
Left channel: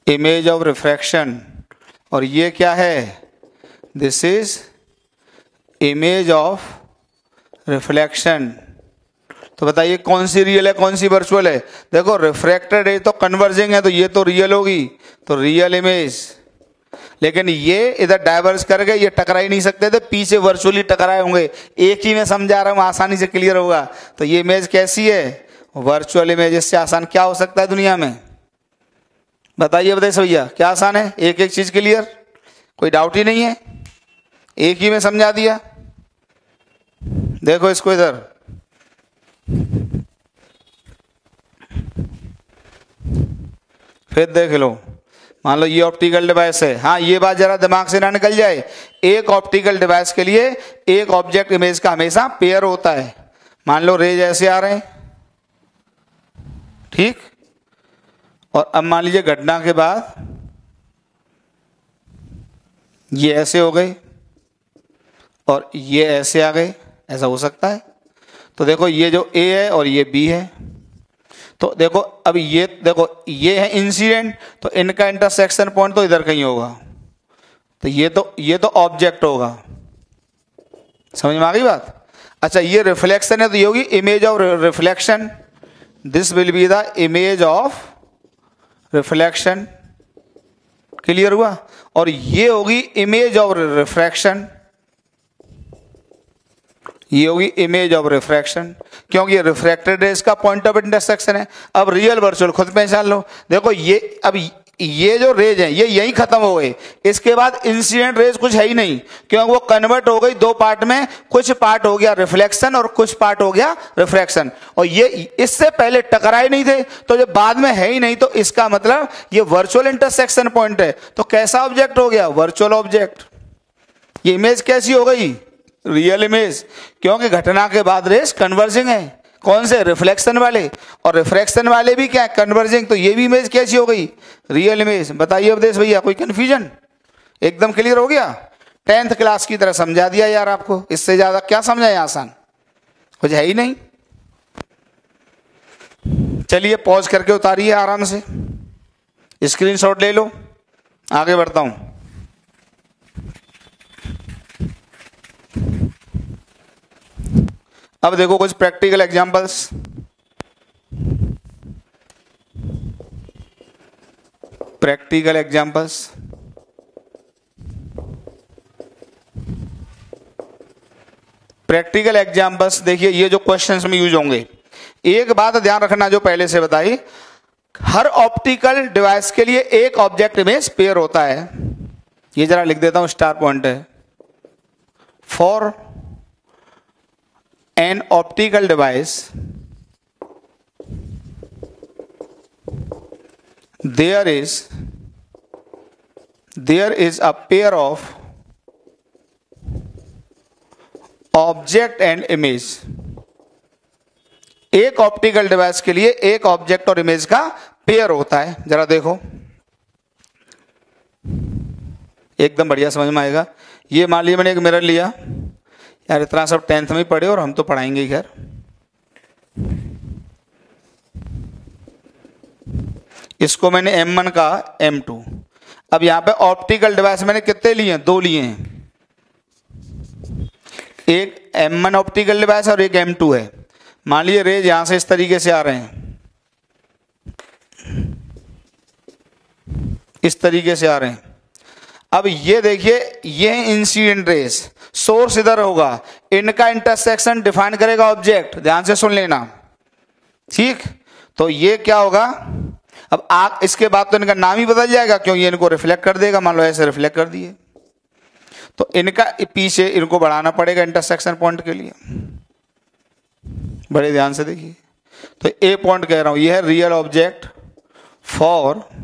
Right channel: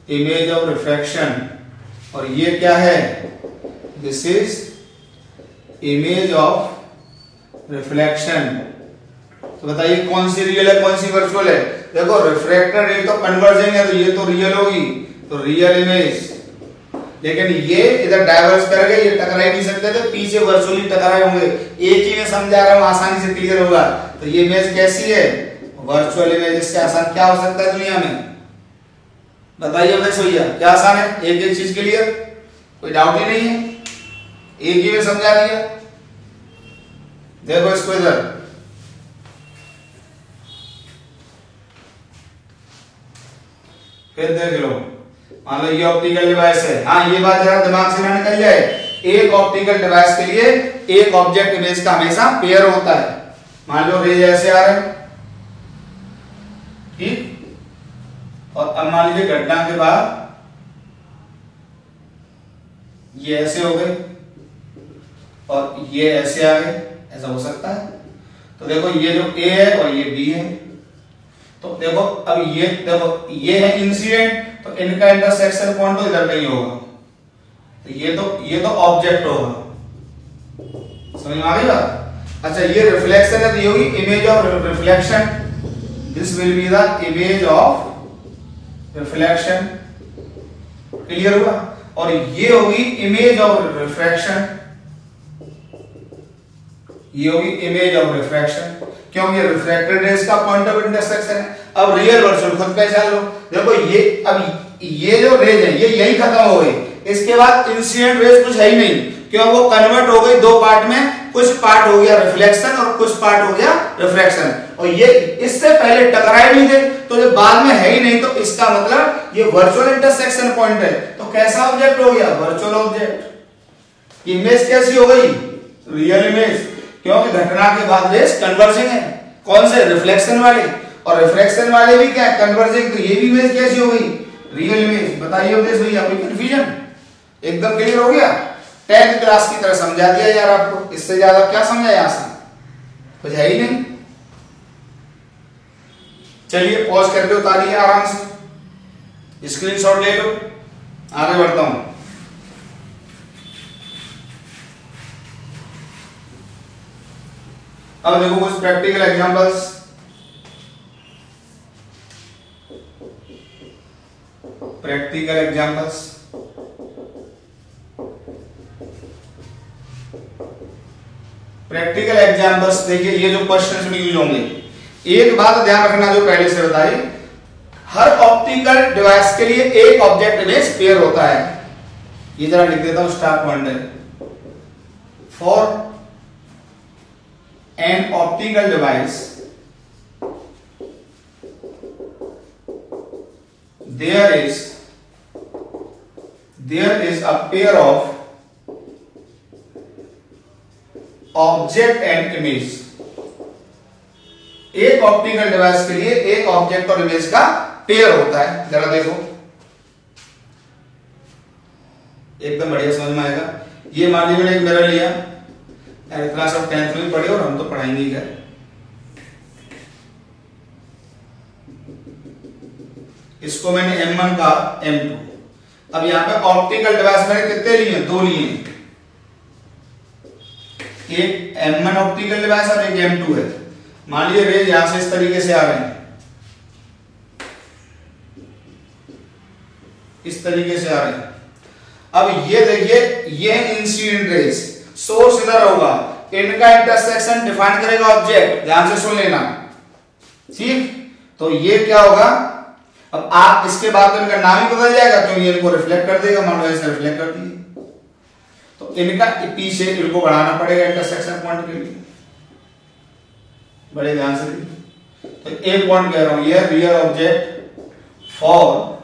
image of refraction, और ये क्या है? This is image of reflection. तो बताइए कौन सी रियल है, कौन सी वर्चुअल है? देखो रिफ्रैक्टेड रे तो कन्वर्जिंग है, तो ये तो रियल होगी, तो रियल इमेज। लेकिन ये इधर डाइवर्स कर गए, ये टकरा ही नहीं सकते, तो पीछे वर्चुअली टकराए होंगे। एक ही में समझा रहा हूं, आसानी से क्लियर होगा। तो ये इमेज कैसी है? Virtual image. इससे आसान क्या हो सकता है दुनिया में? बताइए अवधेश भैया, क्या आसान है? एक एक चीज क्लियर, कोई डाउट ही नहीं है, एक ही में समझा दिया। देखो इसको इधर, फिर देख लो, मान लो ये ऑप्टिकल डिवाइस है। हाँ, ये बात जरा दिमाग से ना निकल जाए, एक ऑप्टिकल डिवाइस के लिए एक ऑब्जेक्ट इमेज का हमेशा पेयर होता है। मान लो रेज ऐसे आ रहे हैं, ठीक, और अब मान लीजिए घटना के बाद ये ऐसे हो गए और ये ऐसे आ गए, ऐसा हो सकता है। तो देखो ये जो A है और ये B है, तो देखो अब ये देखो ये है इंसिडेंट, तो इनका इंटरसेक्शन पॉइंट तो इधर कहीं होगा, तो ये तो ऑब्जेक्ट होगा। समझ में आ गई बात? अच्छा, ये रिफ्लेक्शन है तो ये होगी image of reflection, this will be the image of reflection. Clear हुआ? और ये होगी इमेज ऑफ रिफ्रैक्शन, ये होगी इमेज ऑफ रिफ्रैक्शन, क्योंकि ये रिफ्रैक्टेड रेज का पॉइंट ऑफ इंटरसेक्शन है। अब रियल वर्चुअल खुद पहचान लो। देखो ये अब ये जो रेज है ये यही खत्म हो गई, इसके बाद इंसिडेंट रेज कुछ है ही नहीं, क्योंकि वो कन्वर्ट हो गई दो पार्ट में, कुछ पार्ट हो गया रिफ्लेक्शन और कुछ पार्ट हो गया रिफ्रैक्शन। और ये इससे पहले टकराए नहीं थे, तो जो बाद में है ही नहीं, तो इसका मतलब ये वर्चुअल इंटरसेक्शन पॉइंट है। तो कैसा ऑब्जेक्ट हो गया? Virtual object. ये इमेज कैसी हो गई? रियल इमेज, क्योंकि घटना के बाद रेस कन्वर्जिंग है। कौन से? रिफ्लेक्शन वाले, और रिफ्रैक्शन वाले भी क्या है? कन्वर्जिंग। तो ये भी इमेज कैसी हो गई? Real image. बताइए अवधेश भैया, कोई कंफ्यूजन? एकदम क्लियर हो गया? 10th क्लास की तरह समझा दिया यार आपको, इससे ज्यादा क्या समझाया? आसान कुछ है ही नहीं। चलिए पॉज करके उतारिए आराम से, स्क्रीनशॉट ले लो, आगे बढ़ता हूं। अब देखो कुछ practical examples. Practical examples, practical examples देखिए, ये जो क्वेश्चंस में यूज होंगे, एक बात ध्यान रखना जो पहले से बताई, हर ऑप्टिकल डिवाइस के लिए एक ऑब्जेक्ट इमेज पेयर होता है। ये जरा लिख देता हूं, स्टार पॉइंट है। For an optical device there is a pair of object and image। एक ऑप्टिकल डिवाइस के लिए एक ऑब्जेक्ट और इमेज का पेयर होता है। जरा देखो, एकदम बढ़िया समझ में आएगा। ये मान लिया मैंने एक मिरर लिया यार, इतना सब 10th में पढ़े और हम तो पढ़ाएंगे ही घर। इसको मैंने M1 का M2। अब यहां पे ऑप्टिकल डिवाइस मैंने कितने लिए? 2 लिए हैं, एक M1 ऑप्टिकल डिवाइस और एक M2 है। मान लीजिए रेज यहां से इस तरीके से आ रहे हैं, इस तरीके से आ रहे हैं। अब ये देखिए, ये इंसिडेंट रेज, सोर्स इधर होगा, इनका इंटरसेक्शन डिफाइन करेगा ऑब्जेक्ट। ध्यान से सुन लेना, ठीक? तो ये क्या होगा? अब आप इसके बाद तो इनका नाम ही बदल जाएगा, क्योंकि इनको रिफ्लेक्ट कर देगा। मान लो ऐसे रिफ्लेक्ट कर दिए, तो इनका पीछे इनको बढ़ाना पड़ेगा इंटरसेक्शन पॉइंट के लिए। बड़े ध्यान से देखिए, तो ए पॉइंट कह रहा हूं, ये है रियल ऑब्जेक्ट फॉर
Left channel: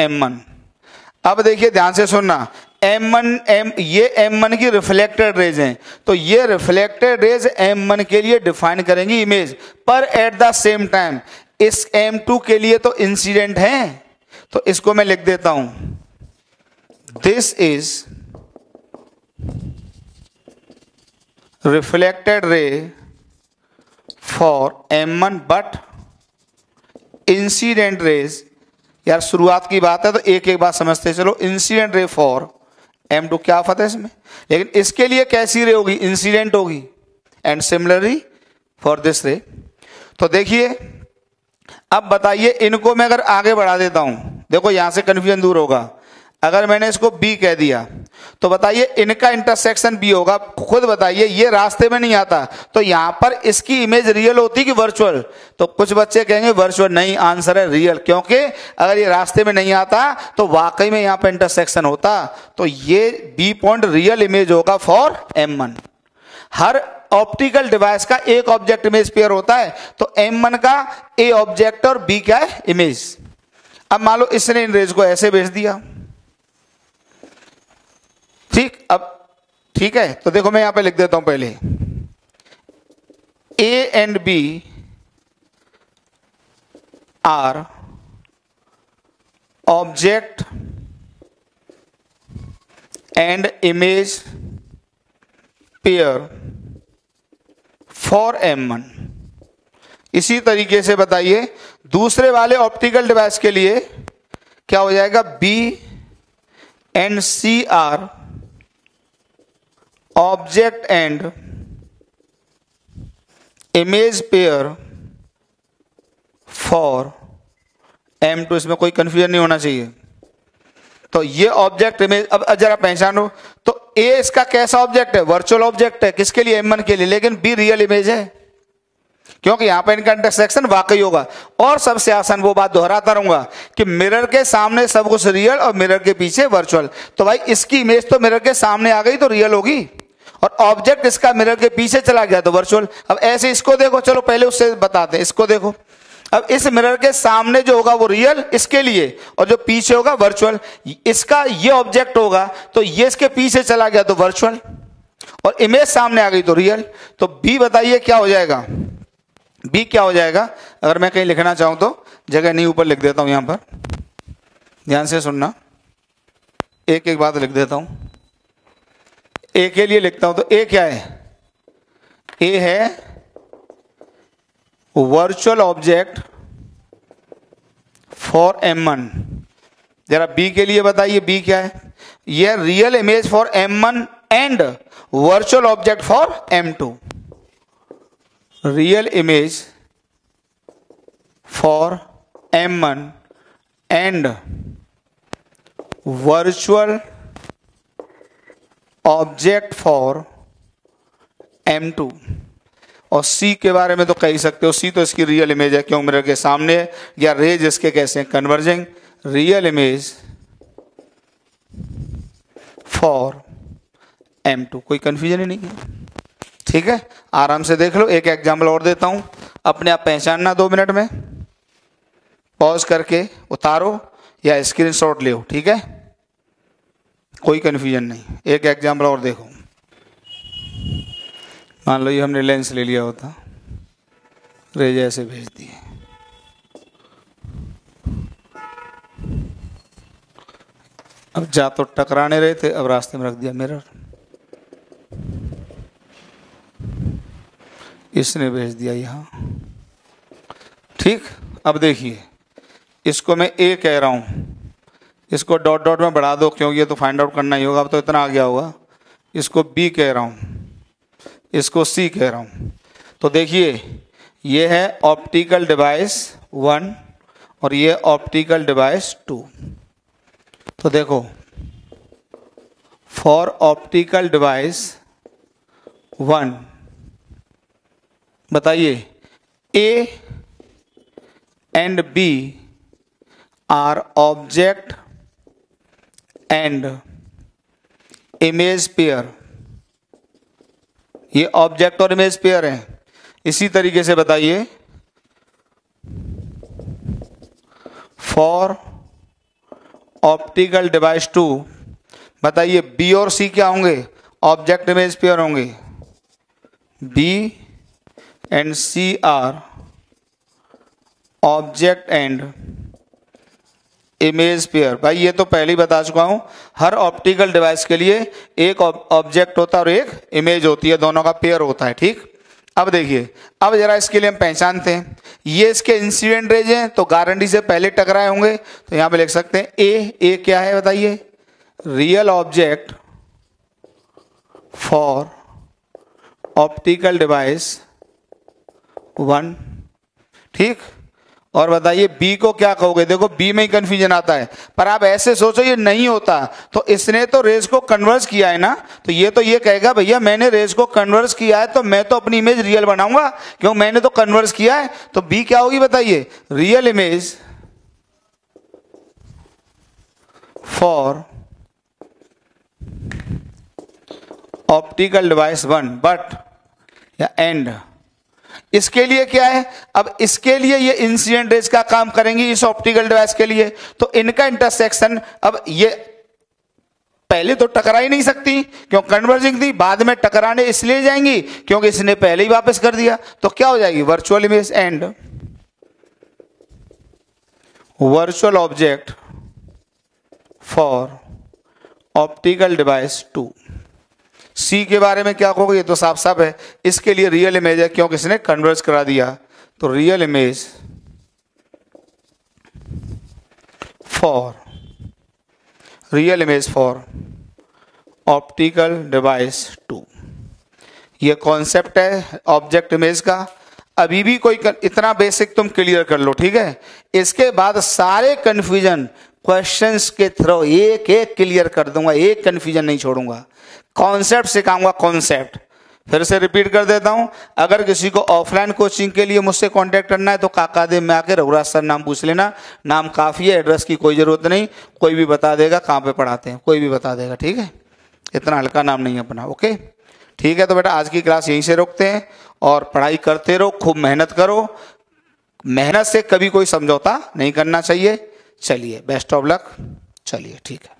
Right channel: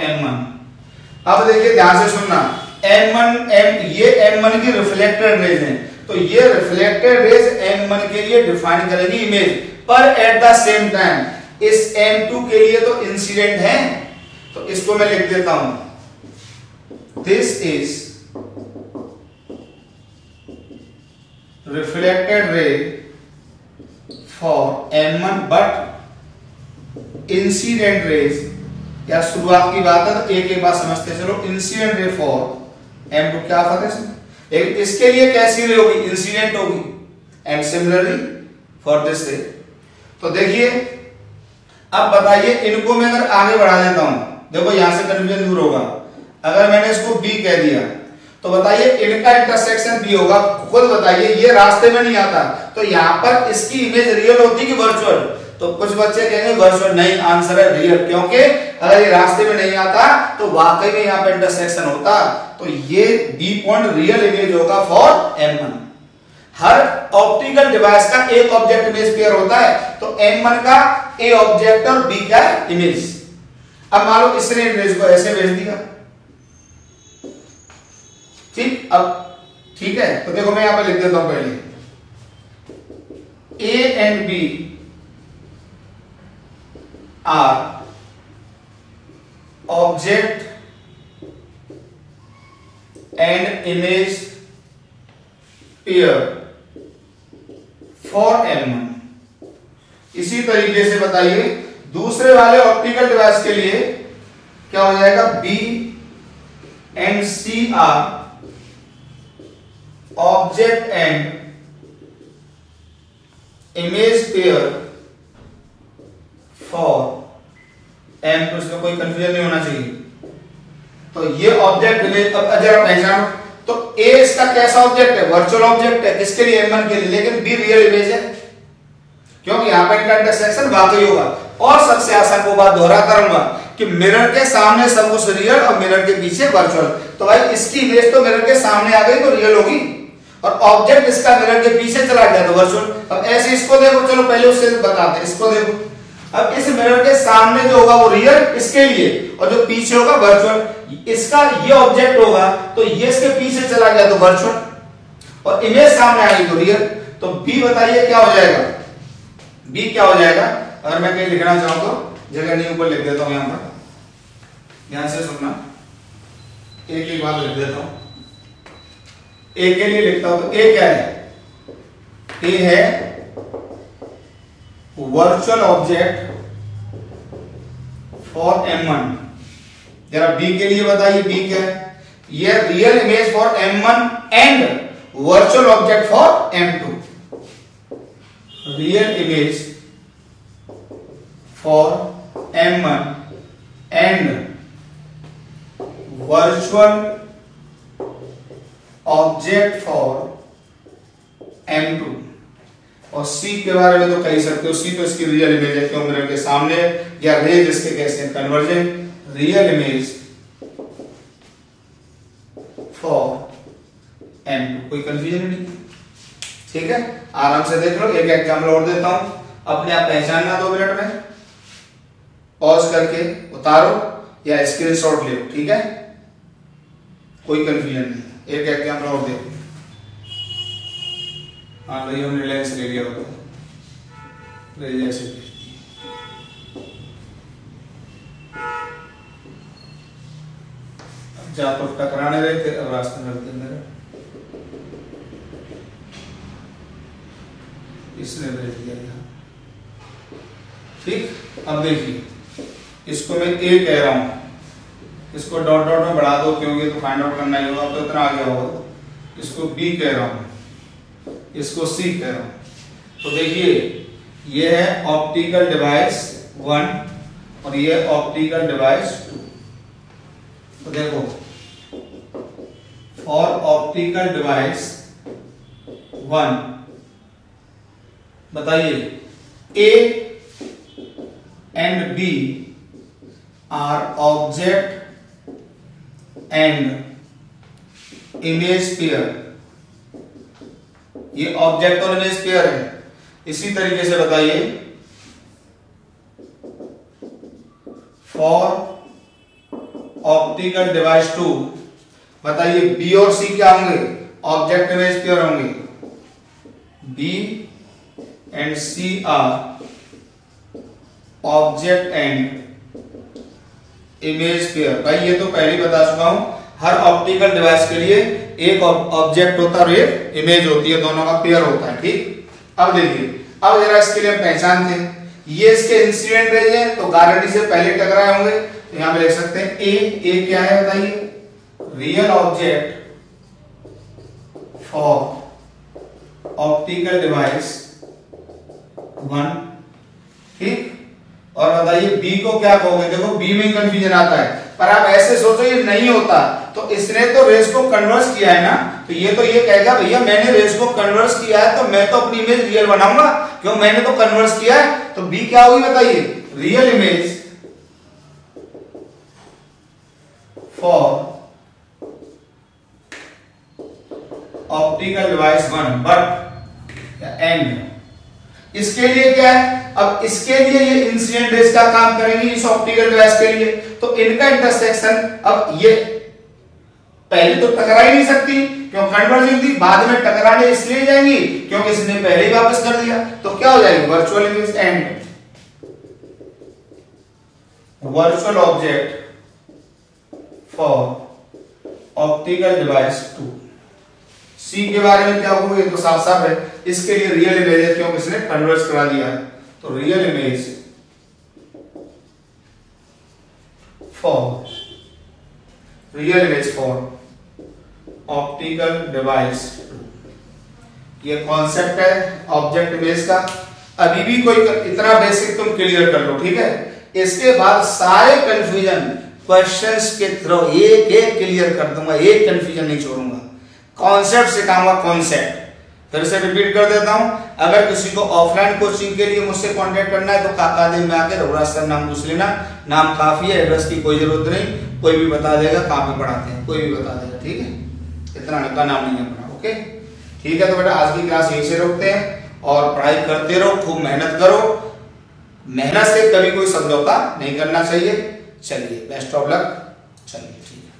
M1। अब देखिए ध्यान से सुनना, ये M1 की रिफ्लेक्टेड रेज है, तो ये रिफ्लेक्टेड रेज M1 के लिए डिफाइन करेंगी इमेज, पर एट द सेम टाइम इस M2 के लिए तो इंसिडेंट है। तो इसको मैं लिख देता हूं, this is reflected ray for M1 but incident raise. यार शुरुआत की बात है तो एक एक बात समझते चलो। इंसिडेंट रे फॉर M2, क्या फर्क है इसमें? लेकिन इसके लिए कैसी रे होगी? इंसिडेंट होगी। एंड सिमिलरली फॉर दिस रे। तो देखिए, अब बताइए, इनको मैं अगर आगे बढ़ा देता हूं, देखो यहां से कंफ्यूजन दूर होगा। अगर मैंने इसको B कह दिया, तो बताइए इनका इंटरसेक्शन बी होगा। खुद बताइए, ये रास्ते में नहीं आता, तो यहां पर इसकी इमेज रियल होती कि वर्चुअल? तो कुछ बच्चे कहेंगे वर्चुअल, नहीं, आंसर है रियल, क्योंकि अगर ये रास्ते में नहीं आता तो वाकई में यहां पर इंटरसेक्शन होता। तो ये बी पॉइंट रियल इमेज होगा for M1। Her optical device का एक ऑब्जेक्ट इमेज पेयर होता है, तो M1 का ए ऑब्जेक्ट और बी क्या है, इमेज। अब मान लो इसने रेज को ऐसे भेज दिया, ठीक। अब ठीक है, तो देखो मैं यहां पे लिख देता हूं पहले, A and B are object and image pair for M1। इसी तरीके से बताइए दूसरे वाले ऑप्टिकल डिवाइस के लिए क्या हो जाएगा, B and C are object and image pair for M2। इसमें कोई कंफ्यूजन नहीं होना चाहिए। तो ये ऑब्जेक्ट इमेज, अब जरा पहचानो, तो ए इसका कैसा ऑब्जेक्ट है, वर्चुअल ऑब्जेक्ट है, किसके लिए, M1 के लिए, लेकिन बी रियल इमेज है, क्योंकि यहां पर इनका इंटरसेक्शन वाकई होगा। और सबसे आसान वो बात दोहराता रहूंगा कि मिरर के सामने सब कुछ रियल और मिरर के पीछे वर्चुअल। तो भाई इसकी इमेज तो मिरर के सामने आ गई तो रियल होगी, और ऑब्जेक्ट इसका मिरर के पीछे चला गया तो वर्चुअल। अब ऐसे इसको देखो, चलो पहले उससे बताते हैं, इसको देखो। अब इस मिरर के सामने जो होगा वो रियल इसके लिए, और जो पीछे होगा वर्चुअल। इसका ये ऑब्जेक्ट होगा तो ये इसके पीछे चला गया तो वर्चुअल, और इमेज सामने आ गई तो रियल। तो बी बताइए क्या हो जाएगा, बी क्या हो जाएगा? अगर मैं कहीं लिखना चाहूं तो जगह नहीं, ऊपर लिख देता हूं, यहां पर ध्यान से सुनना, एक एक बात लिख देता हूं। ए के लिए लिखता हूं तो ए क्या है, ए है वर्चुअल ऑब्जेक्ट फॉर M1। जरा बी के लिए बताइए, बी क्या है, ये real image for M1 and virtual object for M2। Real image for M1 and virtual object for M2। और सी के बारे में तो कह ही सकते हो, सी तो इसकी रियल इमेज है, क्यों मिरर के सामने, या रेज इसके कैसे converging, real image for M2। कोई कंफ्यूजन ही नहीं, ठीक है, आराम से देख लो। एक एग्जाम्पल और देता हूं, अपने आप पहचानना 2 मिनट में, पॉज करके उतारो या स्क्रीनशॉट ले, ठीक है, कोई कंफ्यूजन नहीं। एक एग्जाम्पल और देखो, मान लो ये हमने लेंस ले लिया होता, रेज ऐसे भेज दिए, अब जा तो टकराने रहे थे, अब रास्ते में रख दिया मिरर, इसने भेज दिया यहाँ, ठीक। अब देखिए इसको मैं ए कह रहा हूँ, इसको डॉट डॉट में बढ़ा दो क्योंकि ये तो फाइंड आउट करना ही होगा, अब तो इतना आ गया होगा। इसको बी कह रहा हूँ, इसको सी कह रहा हूँ। तो देखिए ये है ऑप्टिकल डिवाइस 1 और ये ऑप्टिकल डिवाइस 2। तो देखो फॉर ऑप्टिकल डिवाइस 1 बताइए A and B are object and image pair. ये ऑब्जेक्ट और इमेज पेयर है। इसी तरीके से बताइए फॉर ऑप्टिकल डिवाइस 2 बताइए बी और सी क्या होंगे, ऑब्जेक्ट इमेज पेयर होंगे। B and C are object and image pair. भाई ये तो पहले ही बता चुका हूं, हर ऑप्टिकल डिवाइस के लिए एक ऑब्जेक्ट होता है और एक इमेज होती है, दोनों का पेयर होता है, ठीक। अब देखिए, अब जरा इसके लिए पहचानते हैं, ये इसके इंसिडेंट रेज है तो गारंटी से पहले टकराए होंगे, तो यहां पे लिख सकते हैं ए क्या है बताइए, real object for optical device 1, ठीक। और बताइए बी को क्या कहोगे? देखो बी में ही कंफ्यूजन आता है, पर आप ऐसे सोचो ये नहीं होता, तो इसने तो रेस को कन्वर्स किया है ना, तो ये कहेगा भैया मैंने रेस को कन्वर्स किया है तो मैं तो अपनी इमेज रियल बनाऊंगा, क्यों? मैंने तो कन्वर्स किया है। तो बी क्या होगी बताइए? Real image for optical device 1 but या एंड। इसके लिए क्या है? अब इसके लिए ये इंसिडेंट रेज का काम करेंगी इस ऑप्टिकल डिवाइस के लिए, तो इनका इंटरसेक्शन, अब ये पहले तो टकरा ही नहीं सकती क्यों? कन्वर्जिंग थी, बाद में टकराने इसलिए जाएंगी क्योंकि इसने पहले ही वापस कर दिया, तो क्या हो जाएगी? Virtual image and virtual object for optical device 2। सी के बारे में क्या होगा? ये तो साफ साफ है, इसके लिए रियल इमेज है क्योंकि इसने कन्वर्स करा दिया, तो real image for optical device 2। ये कॉन्सेप्ट है ऑब्जेक्ट इमेज का। अभी भी कोई इतना बेसिक तुम क्लियर कर लो, ठीक है? इसके बाद सारे कंफ्यूजन क्वेश्चंस के थ्रू एक एक क्लियर कर दूंगा, एक कंफ्यूजन नहीं छोड़ूंगा। कॉन्सेप्ट सिखाऊंगा, कॉन्सेप्ट फिर से रिपीट कर देता हूं। अगर किसी को ऑफलाइन कोचिंग के लिए मुझसे कांटेक्ट करना है तो काकादेव में आकर रघुराज सर नाम पूछ लेना, नाम काफी है, एड्रेस की कोई जरूरत नहीं, कोई भी बता देगा कहाँ पे पढ़ाते हैं, कोई भी बता देगा, ठीक है? इतना हल्का नाम नहीं अपना, ओके? ठीक है, तो बेटा आज की क्लास यहीं से रोकते हैं और पढ़ाई करते रहो, खूब मेहनत करो, मेहनत से कभी कोई समझौता नहीं करना चाहिए। चलिए, बेस्ट ऑफ लक। चलिए, ठीक है।